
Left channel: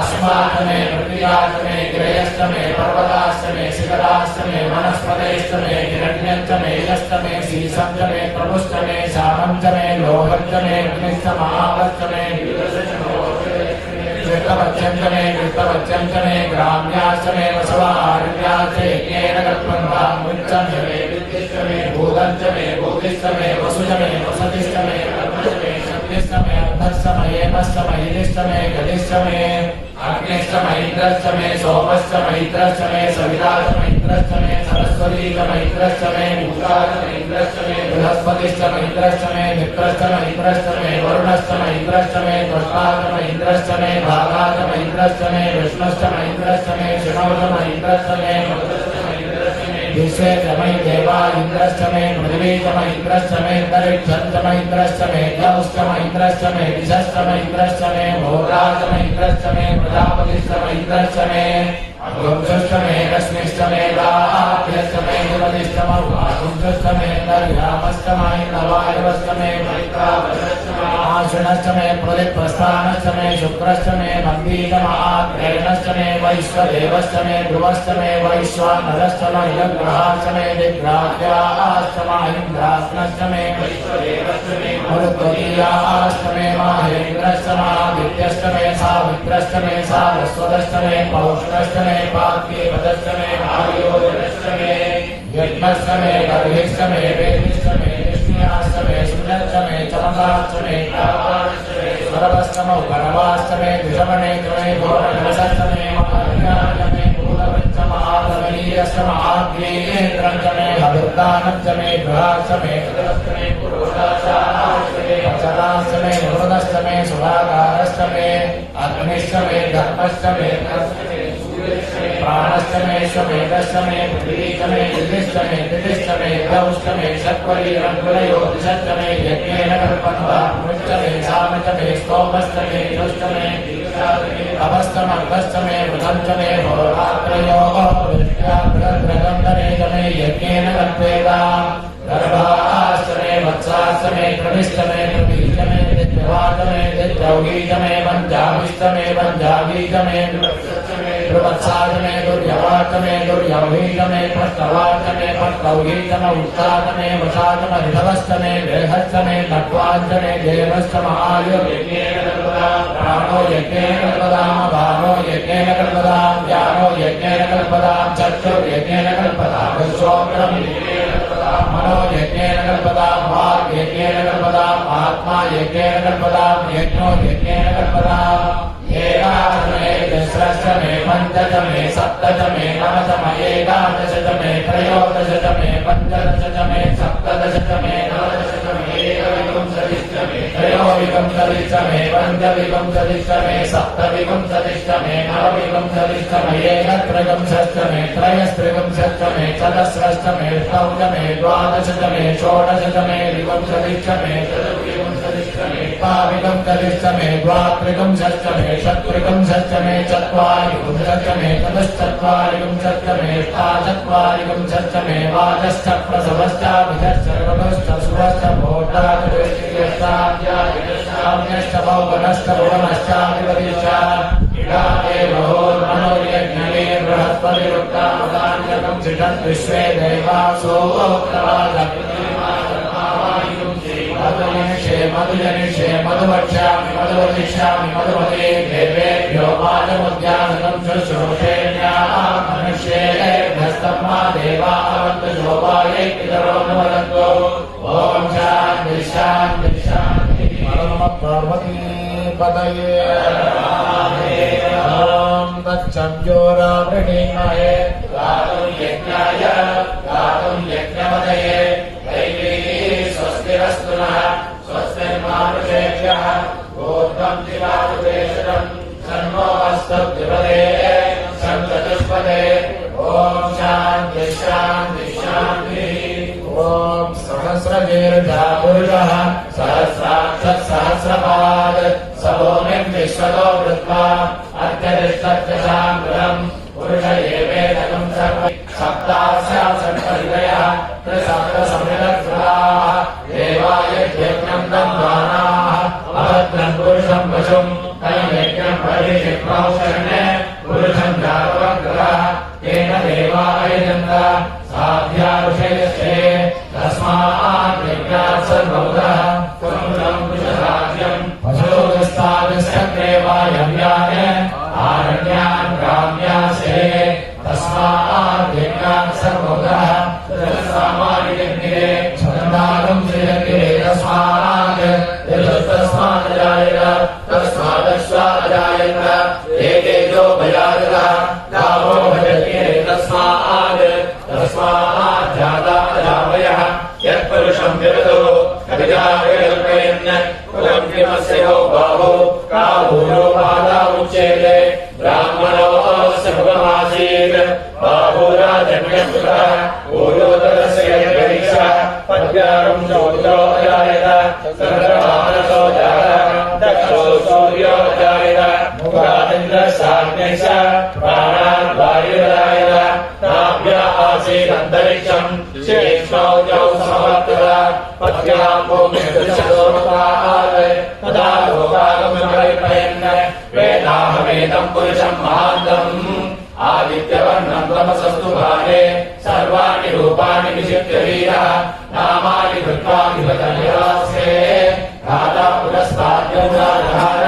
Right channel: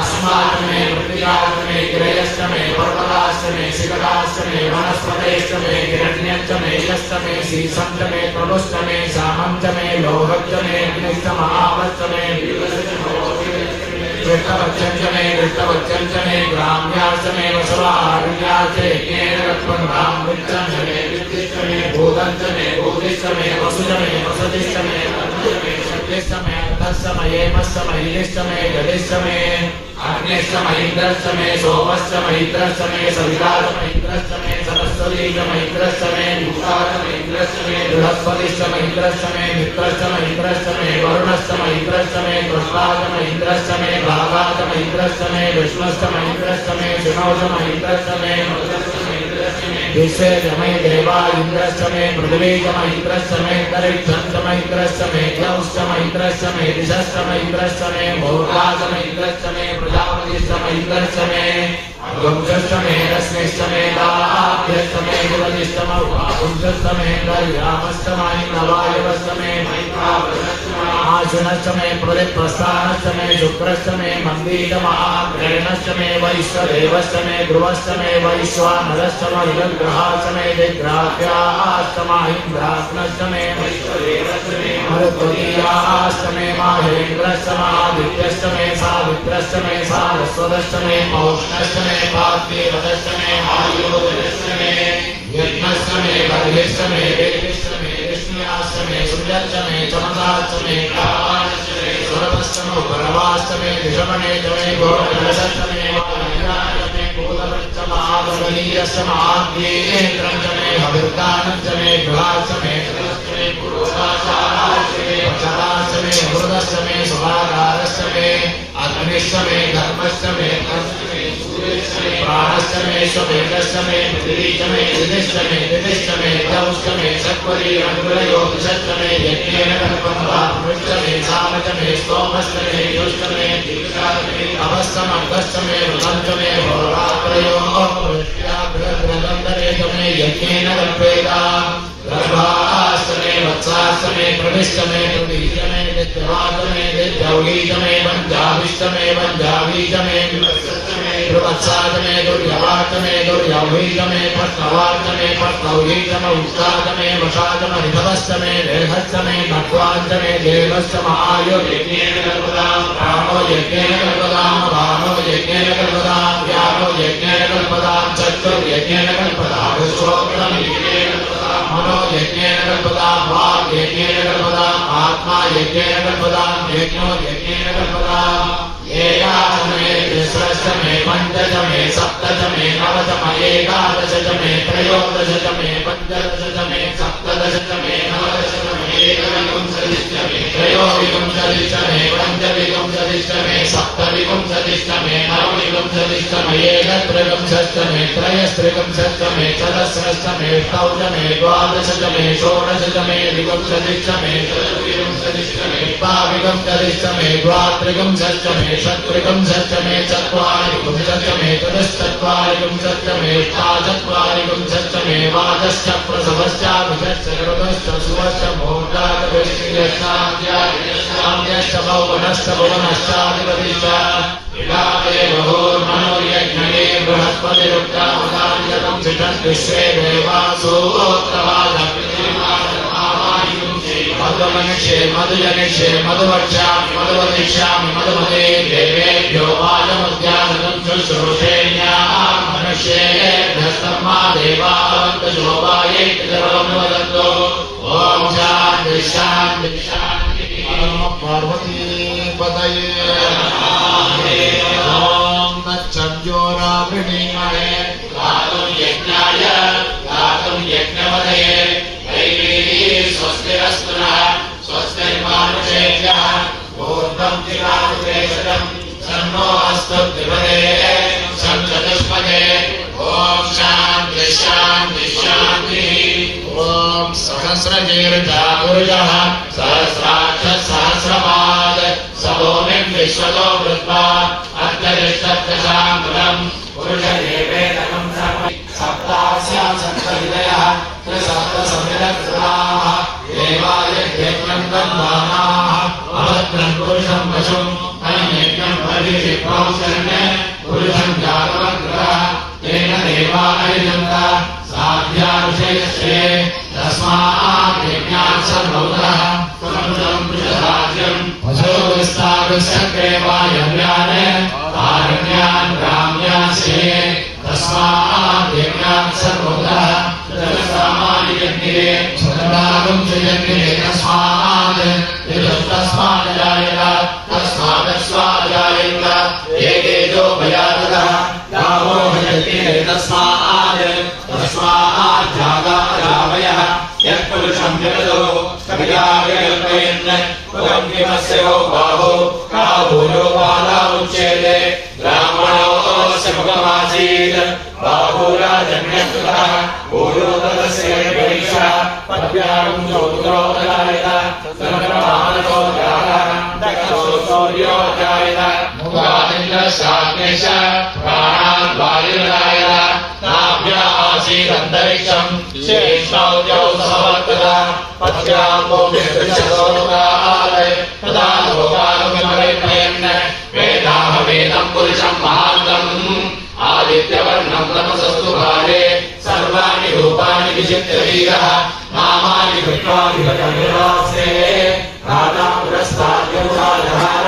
अस्माश्च मे मृत्याश्च मे गिरयश्च मे पर्वताश्च मे शिखराश्च मे वनस्पतेश्च मे हिरण्यश्च मे यश्च मे शीशं च मे प्रभुश्च मे श्यामं च मे लोहश्च मे अग्निश्च महावश्च मे कृष्णवच्चं च मे कृष्णवच्चं च मे ग्राम्याश्च मे वसवारण्याश्च येन गत्वन्तां वृक्षं च मे विद्युश्च मे भूतं च मे भूतिश्च मे वसुश्च मे वसतिश्च मे कर्मश्च मे शक्तिश्च मे अर्थश्च मयेमश्च मयिश्च मे गतिश्च मे अग्निश्च महीन्द्रश्च मे सोमश्च महीन्द्रश्च मे सविताश्च महीन्द्रश्च मे सरस्वती च महीन्द्रश्च मे मूषा च महीन्द्रश्च मे बृहस्पतिश्च महीन्द्रश्च मे मित्रश्च महीन्द्रश्च मे वरुणश्च महीन्द्रश्च मे त्वष्टा च महीन्द्रश्च मे भागा च महीन्द्रश्च मे विष्णुश्च महीन्द्रश्च मे शिवो च महीन्द्रश्च मे विश्वे च मे देवा इन्द्रश्च मे पृथिवी च महीन्द्रश्च मे अन्तरिक्षं च महीन्द्रश्च मे द्यौश्च महीन्द्रश्च मे दिशश्च महीन्द्रश्च मे भोगा च महीन्द्रश्च मे प्रजापतिश्च महीन्द्रश्च मे वंशश्च मे रश्मिश्च मे गाभ्यश्च मे गुणनिश्च मरुवांशश्च मे गर्यामश्च वायुवश्च मे मैत्रावश्च मे आशनश्च मे प्रदिप्रस्थानश्च मे शुक्रश्च मे मन्दीतमाग्रयणश्च मे वैश्वदेवश्च मे ध्रुवश्च मे वैश्वानरश्च मरुदग्रहाश्च मे दिग्राह्याश्च माहीन्द्राग्नश्च मे वैश्वदेवश्च मे मरुत्वतीयाश्च मे माहेन्द्रश्च मादित्यश्च मे सावित्रश्च मे सारस्वतश्च मे पौष्णश्च मे पार्थेवश्च मे आयोजनश्च मे यज्ञश्च मे गर्भिश्च मे वेदिश्च मे कृष्ण्याश्च मे सुजश्च मे चमसाश्च मे काश्च मे स्वरवश्च मे परवाश्च मे दिशमणे च मे भोजनश्च मे महाज्ञानश्च मे भूतश्च महाबलीयश्च महाज्ञेन्द्रं च मे भविर्दानं च मे बृहश्च मे सदश्च मे पुरोधाश्च मे पचराश्च मे हृदश्च मे सुभागारश्च मे अग्निश्च मे धर्मश्च मे प्राणश्च मे स्ववेदश्च मे पृथिवी च मे दिदिश्च मे दिदिश्च मे द्यौश्च मे शक्वरीरङ्गुलयोतिश्च मे यज्ञेन कल्पन्तां मृश्च मे साम च मे स्तोमश्च मे पुष्ट मे तपश्च मर्दश्च मे वृतं च मे होरात्रयोः वृष्ट्या बृहद्रदन्तरे च मे यज्ञेन कल्पेताम् गर्भाश्च मे वत्साश्च मे प्रविश्च मे प्रवीच मे दित्यवाच मे दित्यौलीच मे वञ्जाभिश्च मे वञ्जावीच मे ध्रुवत्साच मे दुर्यवाच मे दुर्यौहीच मे फट्टवाच मे फट्टौहीच मे उत्साच मे वशाच मे ऋभवश्च मे वेहश्च मे भक्वाच मे जेनश्च महायुर्यज्ञेन कल्पताम् प्राणो यज्ञेन कल्पताम् प्राणो यज्ञेन कल्पताम् ज्ञानो यज्ञेन कल्पताम् चक्षुर्यज्ञेन कल्पताम् विश्वोऽग्निं यज्ञेन कल्पताम् मनो यज्ञेन कल्पताम् वाक् यज्ञेन कल्पताम् आत्मा यज्ञेन कल्पताम् यज्ञो यज्ञेन कल्पताम् एकादश मे दशश्च मे पञ्चश मे सप्तश मे नवश मे एकादश च मे त्रयोदश च मे पञ्चदश च मे सप्तदश च मे नवदश च मे एकविंशतिष्टमे त्रयोविंशतिष्टमे पञ्चविंशतिष्टमे सप्तविंशतिष्टमे नवविंशतिष्टमे एकत्रिंशतिष्टमे त्रयस्त्रिंशतिष्टमे चतुस्रष्टमे अष्टमे द्वादशतमे षोडशतमे विंशतिष्टमे चतुर्विंशतिष्टमे द्वाविंशतिष्टमे द्वात्रिंशतिष्टमे षट्त्रिंशतिष्टमे चत्वारिंशतिष्टमे चतुश्चत्वारिंशतिष्टमे अष्टाचत्वारिंशतिष्टमे द्वादश प्रसवश्च विदश्च ऋतश्च सुवश्च भोक्ताश्च भौवनश्च भुवनश्चाधिपतिश्च विलापे बहोर्मनोर्यज्ञने बृहस्पतिरुक्तावदानिकं चितं विश्वे देवासो मधुनिक्षे मधुजनिक्षे मधुवक्ष्यामि मधुवदिष्यामि मधुमते देवेभ्यो वाजमुद्यानं शुश्रूषेण्याः मनुष्येभ्यस्तम्मा देवा अवन्तु शोभायै पितरो ॐ शान्ति शान्ति शान्ति पार्वती पतये ॐ तच्चन्द्योरावृणीमहे गातुं यज्ञाय गातुं यज्ञपतये दैवी स्वस्तिरस्तु नः स्वस्तिर्मानुषेभ्यः ऊर्ध्वं दिवाकृतेशतं सन्नो अस्तु द्विपदे सञ्चतुष्पदे ॐ शान्ति शान्ति शान्तिः ॐ सहस्रजीर्षा पुरुषः सहस्राक्षः सहस्रपाद सभूमिं विश्वतो वृत्वा अर्धरिष्टदशाङ्गुलम् पुरुषदेवेदकं सप्तास्या सप्तहृदयः त्रिसप्तसंविदग्धाः देवायज्ञं ब्रह्माणाः अभद्रं पुरुषं पशुं तैयज्ञं परिचित्वांशन्ये पुरुषं जातवग्रहः तेन देवा अयुजन्त साध्याविषयस्ये तस्मात् यज्ञात् सर्वभूतः स्वतन्त्रं पुरुषराज्यम् अशोकस्तागस्यग्रे वायम्याने आरण्यान् ग्राम्यास्ये तस्मात् यज्ञात् सर्वभूतः जगत्सामान्ययज्ञे स्वतन्त्रागं यज्ञे तस्मात् यजस्तस्मात् जायेत तस्मादस्मात् जायेत एकेजो भयादतः रामो भजते तस्मात् जाता रामयः यत्पुरुषं विरदो कविदाविकल्पयन् पदं किमस्य यो बाहो का भूयो बाला उच्यते ब्राह्मणोऽस्य मुखमासीत् बाहुराजन्यकृतः भूयो तदस्य गणेशः पद्यां सौद्रो जायत चन्द्रमानसो जातः दक्षो सूर्यो जायत मुखादिन्द्रशाग्नेश प्राणान् वायुर्जायत नाभ्य आसीदन्तरिक्षं शेषौ जौ समवर्तता पद्यां भूमिर्दृशस्वरूपाय तदा लोकागमपरिप्रयन् वेदाहमेदं पुरुषं महान्तम् आदित्यवर्णं तमसस्तु भारे सर्वाणि रूपाणि विचित्य वीरः नामानि कृत्वा विभजनिरासे राजा पुरस्ताद्यौराजहार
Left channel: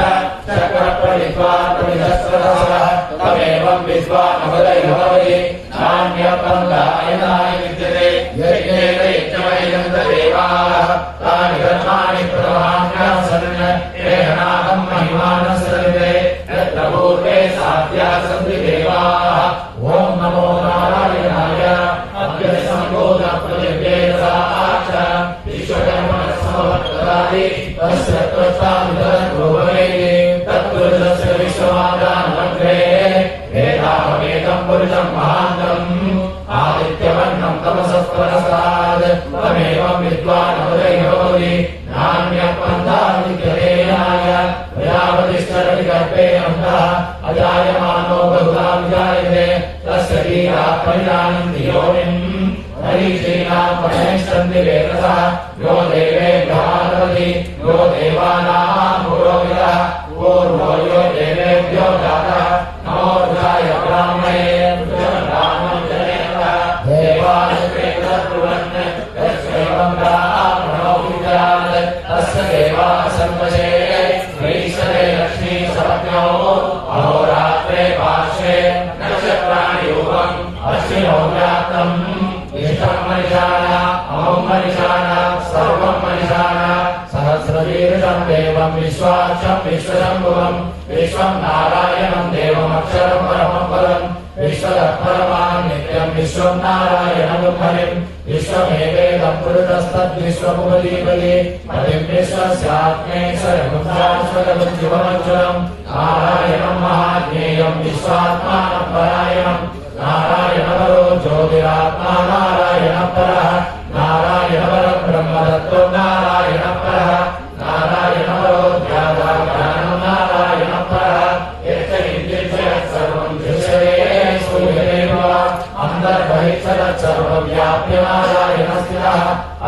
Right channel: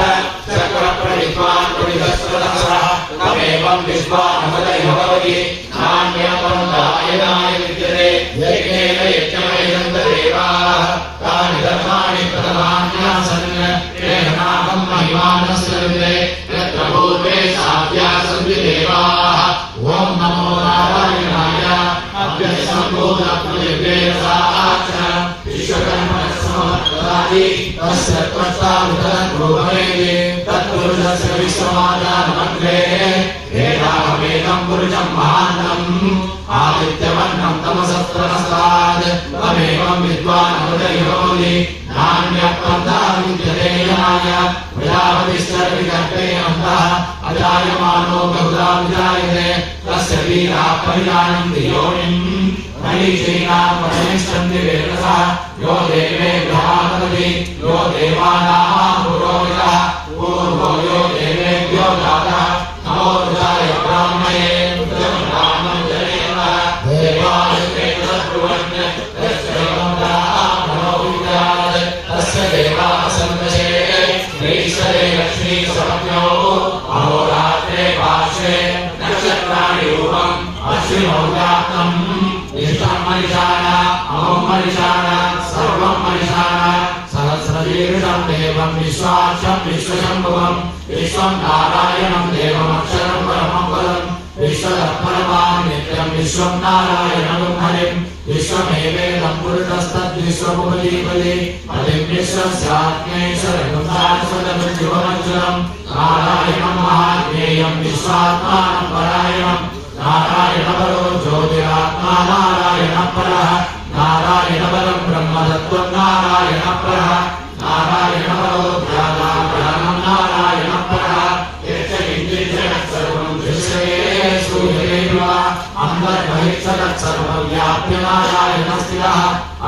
चक्रप्रणित्वान् परिहस्रदसः तमेवं विश्वानवदयो भवति नान्यं पन्थायनाय विद्यते यज्ञेन यज्ञमयन्त देवाः तानि कर्माणि प्रथमान्यासन् तेन नामं महिमानस्तन्ते यत्र पूर्वे साध्या सन्ति देवाः ॐ नमो नारायणाय अभ्यसम्भूतपृथिव्ये साक्ष विश्वकर्मणसमवर्तदादि तस्य त्वष्टावितरद्रोभवेदे तत्पुरुषस्य विश्वमादानमग्रे वेदाहमेकं पुरुषं महान्तम् आदित्यवर्णं तमसस्त्रनस्तात् तमेवं विद्वानवदयोरि नान्यः पन्था विद्यते याय प्रजापतिश्चरविकल्पे अन्तः अजायमानो बहुधा विजायते तस्य वीराः परिजानन्ति योनिम् हरिश्रीणां परमेष्टन्ति वेदसः यो देवेभ्यः तपति यो देवानां पुरोहितः पूर्वो यो देवेभ्यो जातः नमो रुद्राय ब्राह्मणे रुद्रब्राह्मं जनेव देवायुगे तद्ब्रुवन् तस्यैवं ब्राह्मणो विद्यात् तस्य देवाः सन्तशे वैश्वरे लक्ष्मी सपत्न्यो अहोरात्रे पार्श्वे नक्षत्राणि रूपम् अश्विनो जातम् इष्टं मनिषाण अहं मनिषाण सर्वं मनिषाण सहस्रशीर्षं देवं विश्वाक्षं विश्वशम्भुवं विश्वं नारायणं देवमक्षरं परमं पदं विश्वतत्परमान् नित्यं विश्वं नारायणं हरिं विश्वमेवेदं पुरुषस्तद्विश्वमुपजीवति पतिं विश्वस्यात्मेश्वरमुद्रास्वतमुज्ज्वलम् नारायणं महाज्ञेयं विश्वात्मानं परायणं नारायणपरो ज्योतिरात्मा नारायणः परः नारायणपरं ब्रह्मतत्त्वं नारायणः परः नारायणपरो ज्ञाताज्ञानं नारायणः परः यच्च इन्द्रियजगत् सर्वं दृश्यते श्रूयते वा अन्तर्बहिर्जगत् सर्वं व्याप्य नारायणः स्थितः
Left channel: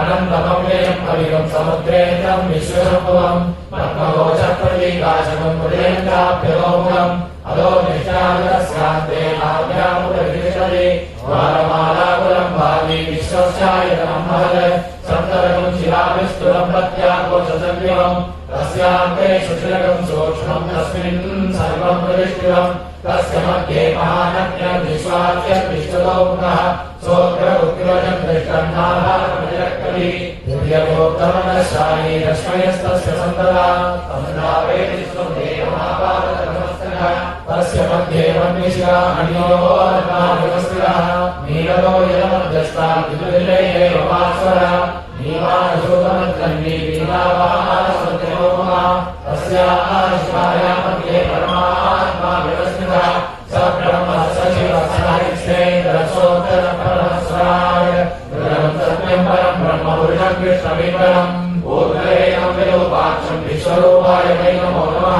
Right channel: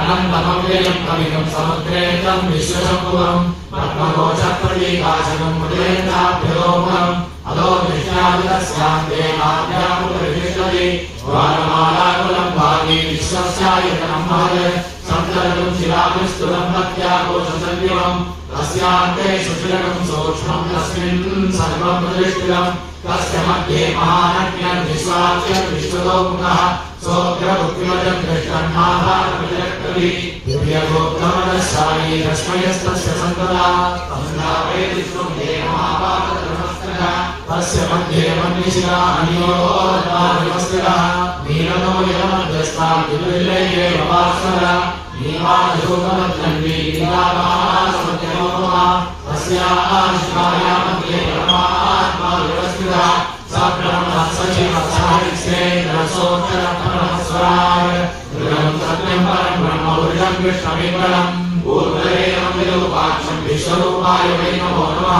अनन्तमव्ययं कविगं समुद्रेन्द्रं विश्वशम्भुवं पद्मकोशप्रतीकाशनं मुदेन्द्राभ्यलोमुखम् अदो विश्वामित्रस्यान्ते नाभ्यामुपरिष्ठति वारमालाकुलं भागी विश्वस्यायतनं महत् सप्तरकं शिलाभिस्तुलं प्रत्याकोशसंयुगम् तस्यान्ते सुशिरकं सूक्ष्मं तस्मिन् सर्वं प्रतिष्ठितं तस्य मध्ये महानज्ञं विश्वाच्यं विश्वतोमुखः सोऽग्रमुद्वचं दृष्टं महाभारतविरक्तभिः दिव्यगोप्तमनस्वामी रश्मयस्तस्य सन्तता तन्नावे विश्वं देवमापादतमस्तः तस्य मध्ये वह्निशिला अनियोर्मादिवस्तिरः नीरदो यमध्यस्ता विदुर्लये वपास्वरः नीवाशोकमध्यन्वी नीलावासमत्यमोमा तस्याः शिवाया मध्ये परमात्मा विवस्तिरः स ब्रह्मः स शिवः स हरिश्चेन्द्रसोत्तरः परमस्वराय दुर्गं सत्यं परं ब्रह्म दुर्गं विष्णुमिन्द्रम् पूर्वदेवं विरूपाक्षं विश्वरूपाय वै नमो नमः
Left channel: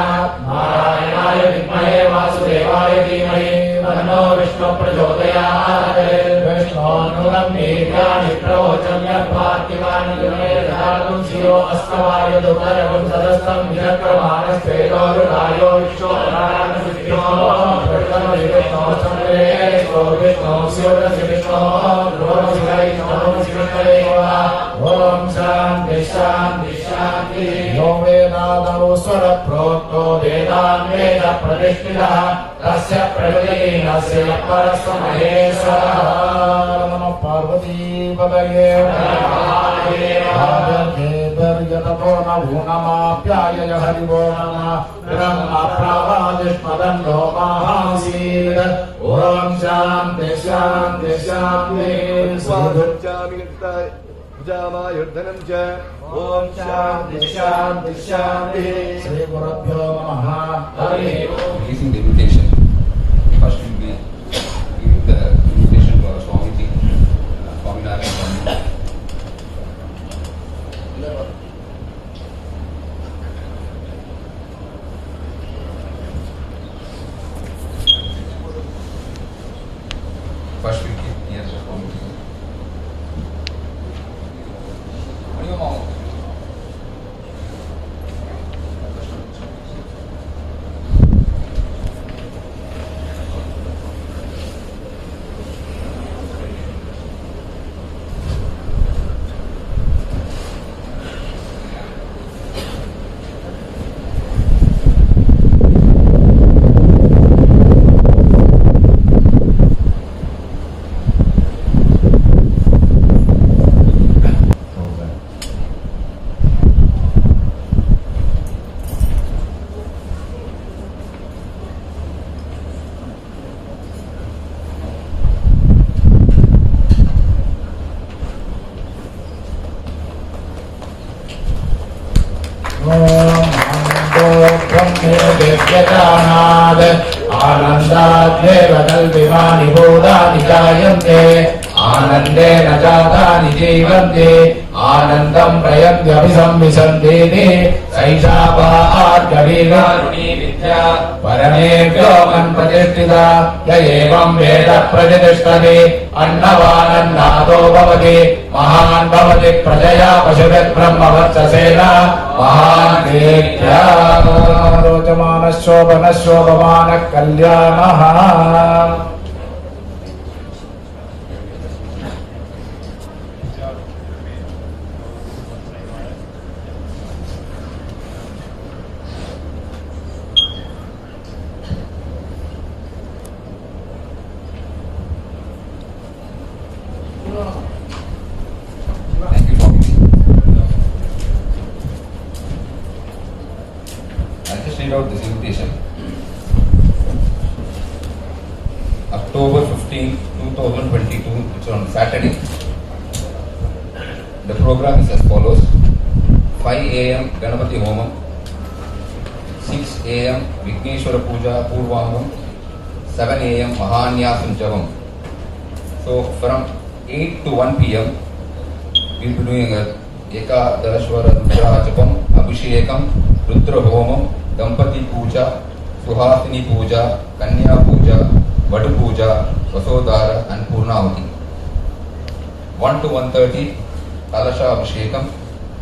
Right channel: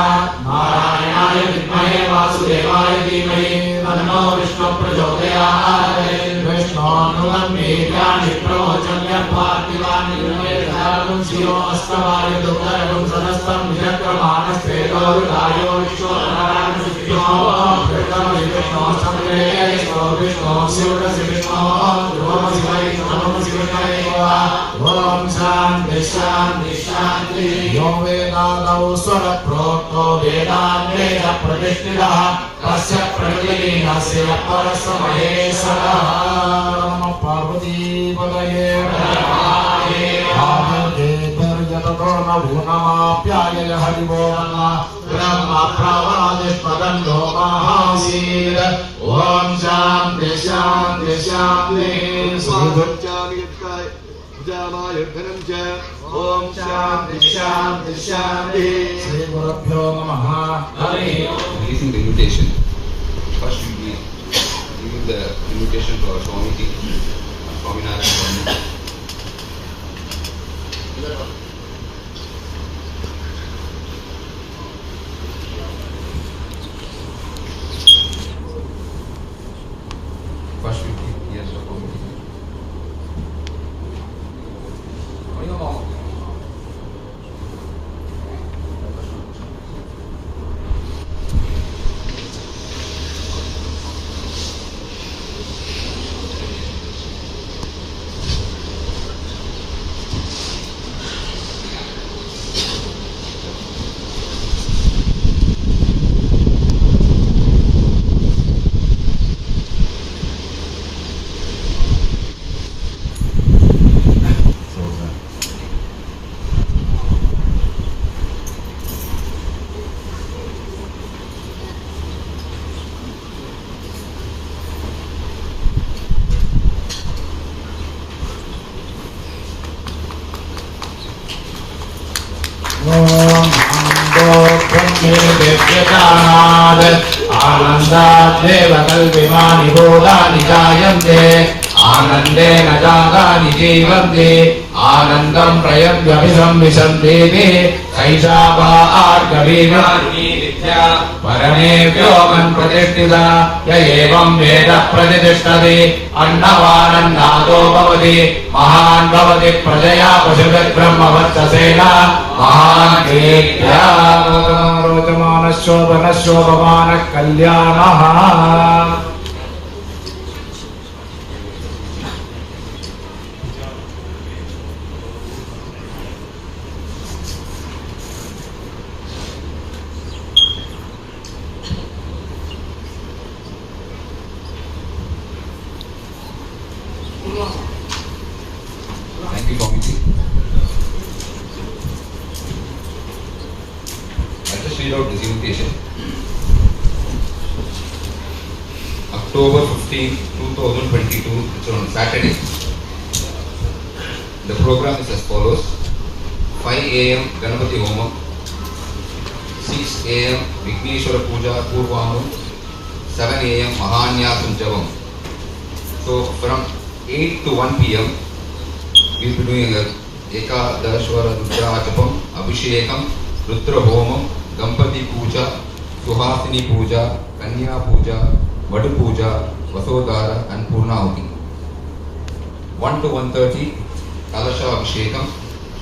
नारायणाय विद्महे वासुदेवाय धीमहि तन्नो विष्णुः प्रचोदयात् विष्णोऽनुगं वीर्याणि प्रवोचन्य पार्थिवानि गुणमेधारं शिरो अस्तवाय दुर्गं सदस्तं विचक्रमाणस्तेजोरुदायो विश्वनारायणसिद्ध्यो विष्णो शिवकसि विष्णो ध्रुवमसि वै नमोऽसि विष्णवे ॐ शान्ति शान्ति शान्ति यो वेदादौ स्वरप्रोक्तो वेदान् वेद प्रतिष्ठितः तस्य प्रकृतिहीनस्य परस्य महेश्वरः नमः पार्वतीपतये आदिर्यततो न भूनमाप्याय हरिवो नमः ब्रह्मप्रवादिष्मदं लोमासीत् ॐ शान्ति शान्ति शान्ति युद्धनं च ॐ शान्ति शान्ति शान्ति श्री गुरुभ्यो नमः Releasing the invitation. First we will be giving the invitation to our Swamiji, Swaminarayan. First we keep here for Swamiji. आनन्दाद्वेव कल्पिमानि भूतानि जायन्ते आनन्देन जातानि जीवन्ति आनन्दं प्रयत्यभिसंविशन्तीति सैषा वा आर्गवीनारुणी विद्या परमेभ्यो मन्प्रतिष्ठिता य एवं वेद प्रतिष्ठति अन्नवानन्नादो भवति महान् भवति प्रजया पशुभिर्ब्रह्मवर्चसेन महान् कीर्त्या रोचमानशोभनशोभमानः कल्याणः Thank you, Swamiji. I'll just read out this invitation. October 15, 2022, which is on Saturday. The program is as follows: 5 a.m. Ganapati Homam, 6 a.m. Vigneshwara Puja Purvamam, 7 a.m. Mahanyasam Javam. So from 8 to 1 p.m. we will be doing a Ekadashwara Rudra Japam, Abhishekam, Rudra Homam, Gampati Puja, Suhasini Puja, Kanya Puja, Vadu Puja, Vasodhara and Purnahuti. 1 to 1:30 Kalasha Abhishekam,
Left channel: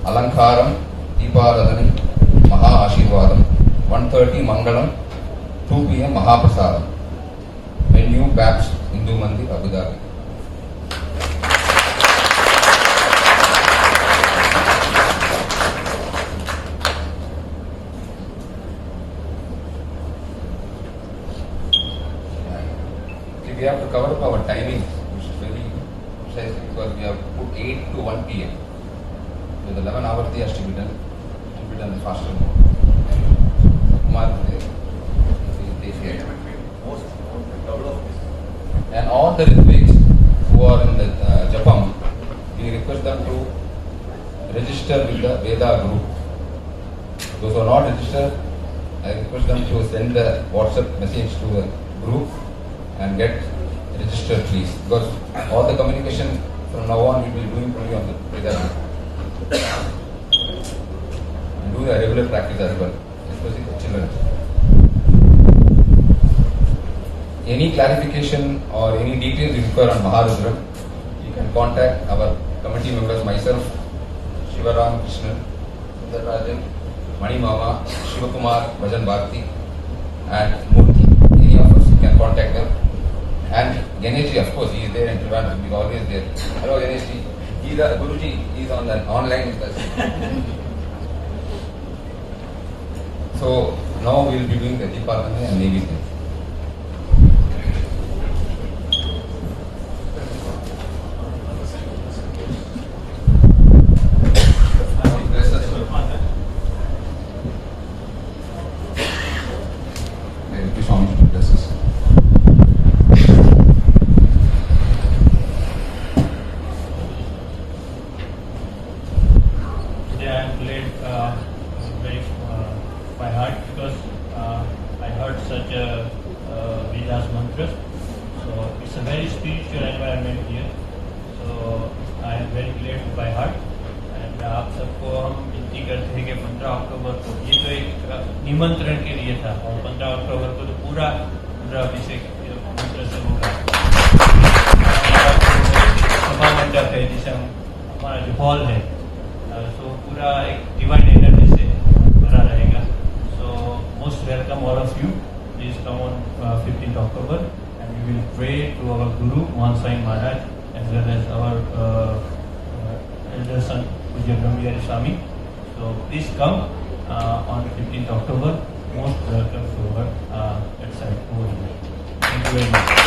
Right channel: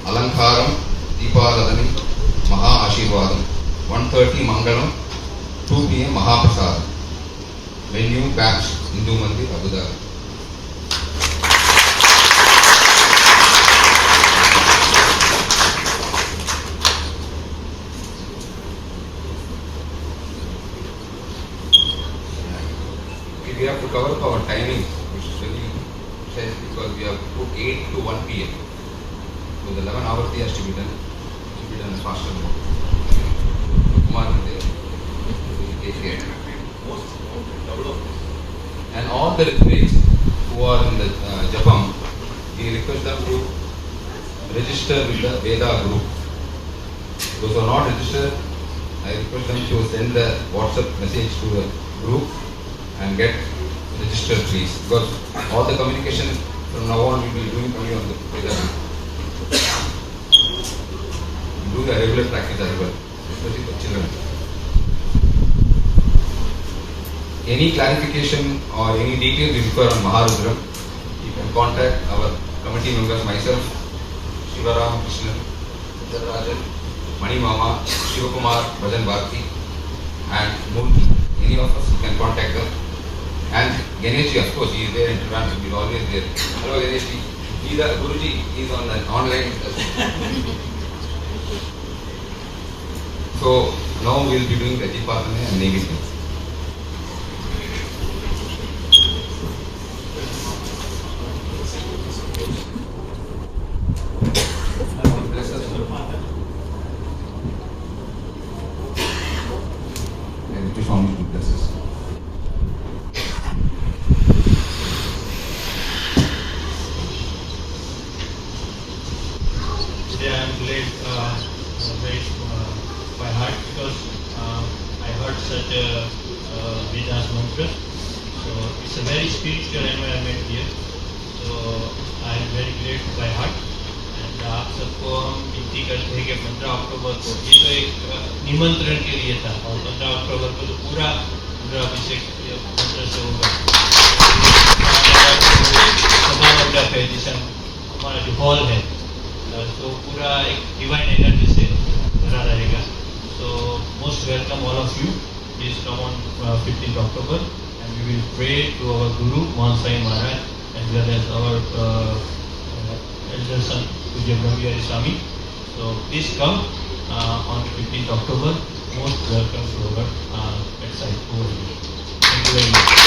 Alankaram, Deeparadhani, Maha Ashirvadam. 1:30 Mangalam, 2 p.m. Mahaprasad. Venue Babs Hindu Mandir, Abu Dhabi. We have to cover up our timing, which is very precise, because we have put 8 to 1 p.m. So the 11 hour has to be done faster. Kumar is there. He will take care. And all the Ritviks who are in the Japam, we request them to register with the Veda group. Those who are not registered, I request them to send a WhatsApp message to the group and get registered, please, because all the communication from now on we will be doing only on the Veda group. And do the regular practice as well, especially for children. Any clarification or any details you require on Maharudram, you can contact our committee members, myself, Shivaram Krishnan, Rajan, Mani Mama, Shivakumar, Bhajan Bharti, and Murthy. Any of us can contact them. And Ganeshji, of course, he is there in Trivandrum, he is always there. Hello Ganeshji, he is a Guruji, he is on the online with us. So now we will be doing Ratipatane and Nevidya. By heart, because I heard such a Vedas mantra. So it's a very spiritual environment here. So I am very grateful by heart. And आप सबको हम विनती करते हैं कि 15 अक्टूबर को ये तो एक निमंत्रण के लिए था और 15 अक्टूबर को तो पूरा अभिषेक मंत्र से होगा। सभा मंडप है जिसे हमारा जो हॉल है तो पूरा एक डिवाइन एनर्जी से भरा रहेगा। So most welcome all of you. Please come on 15th October and we will pray to our Guru Mohan Sai Maharaj as well as our elder son Pujya Brahmiyari Swami. So please come on 15th October. Most welcome to our website over here. Thank you very much.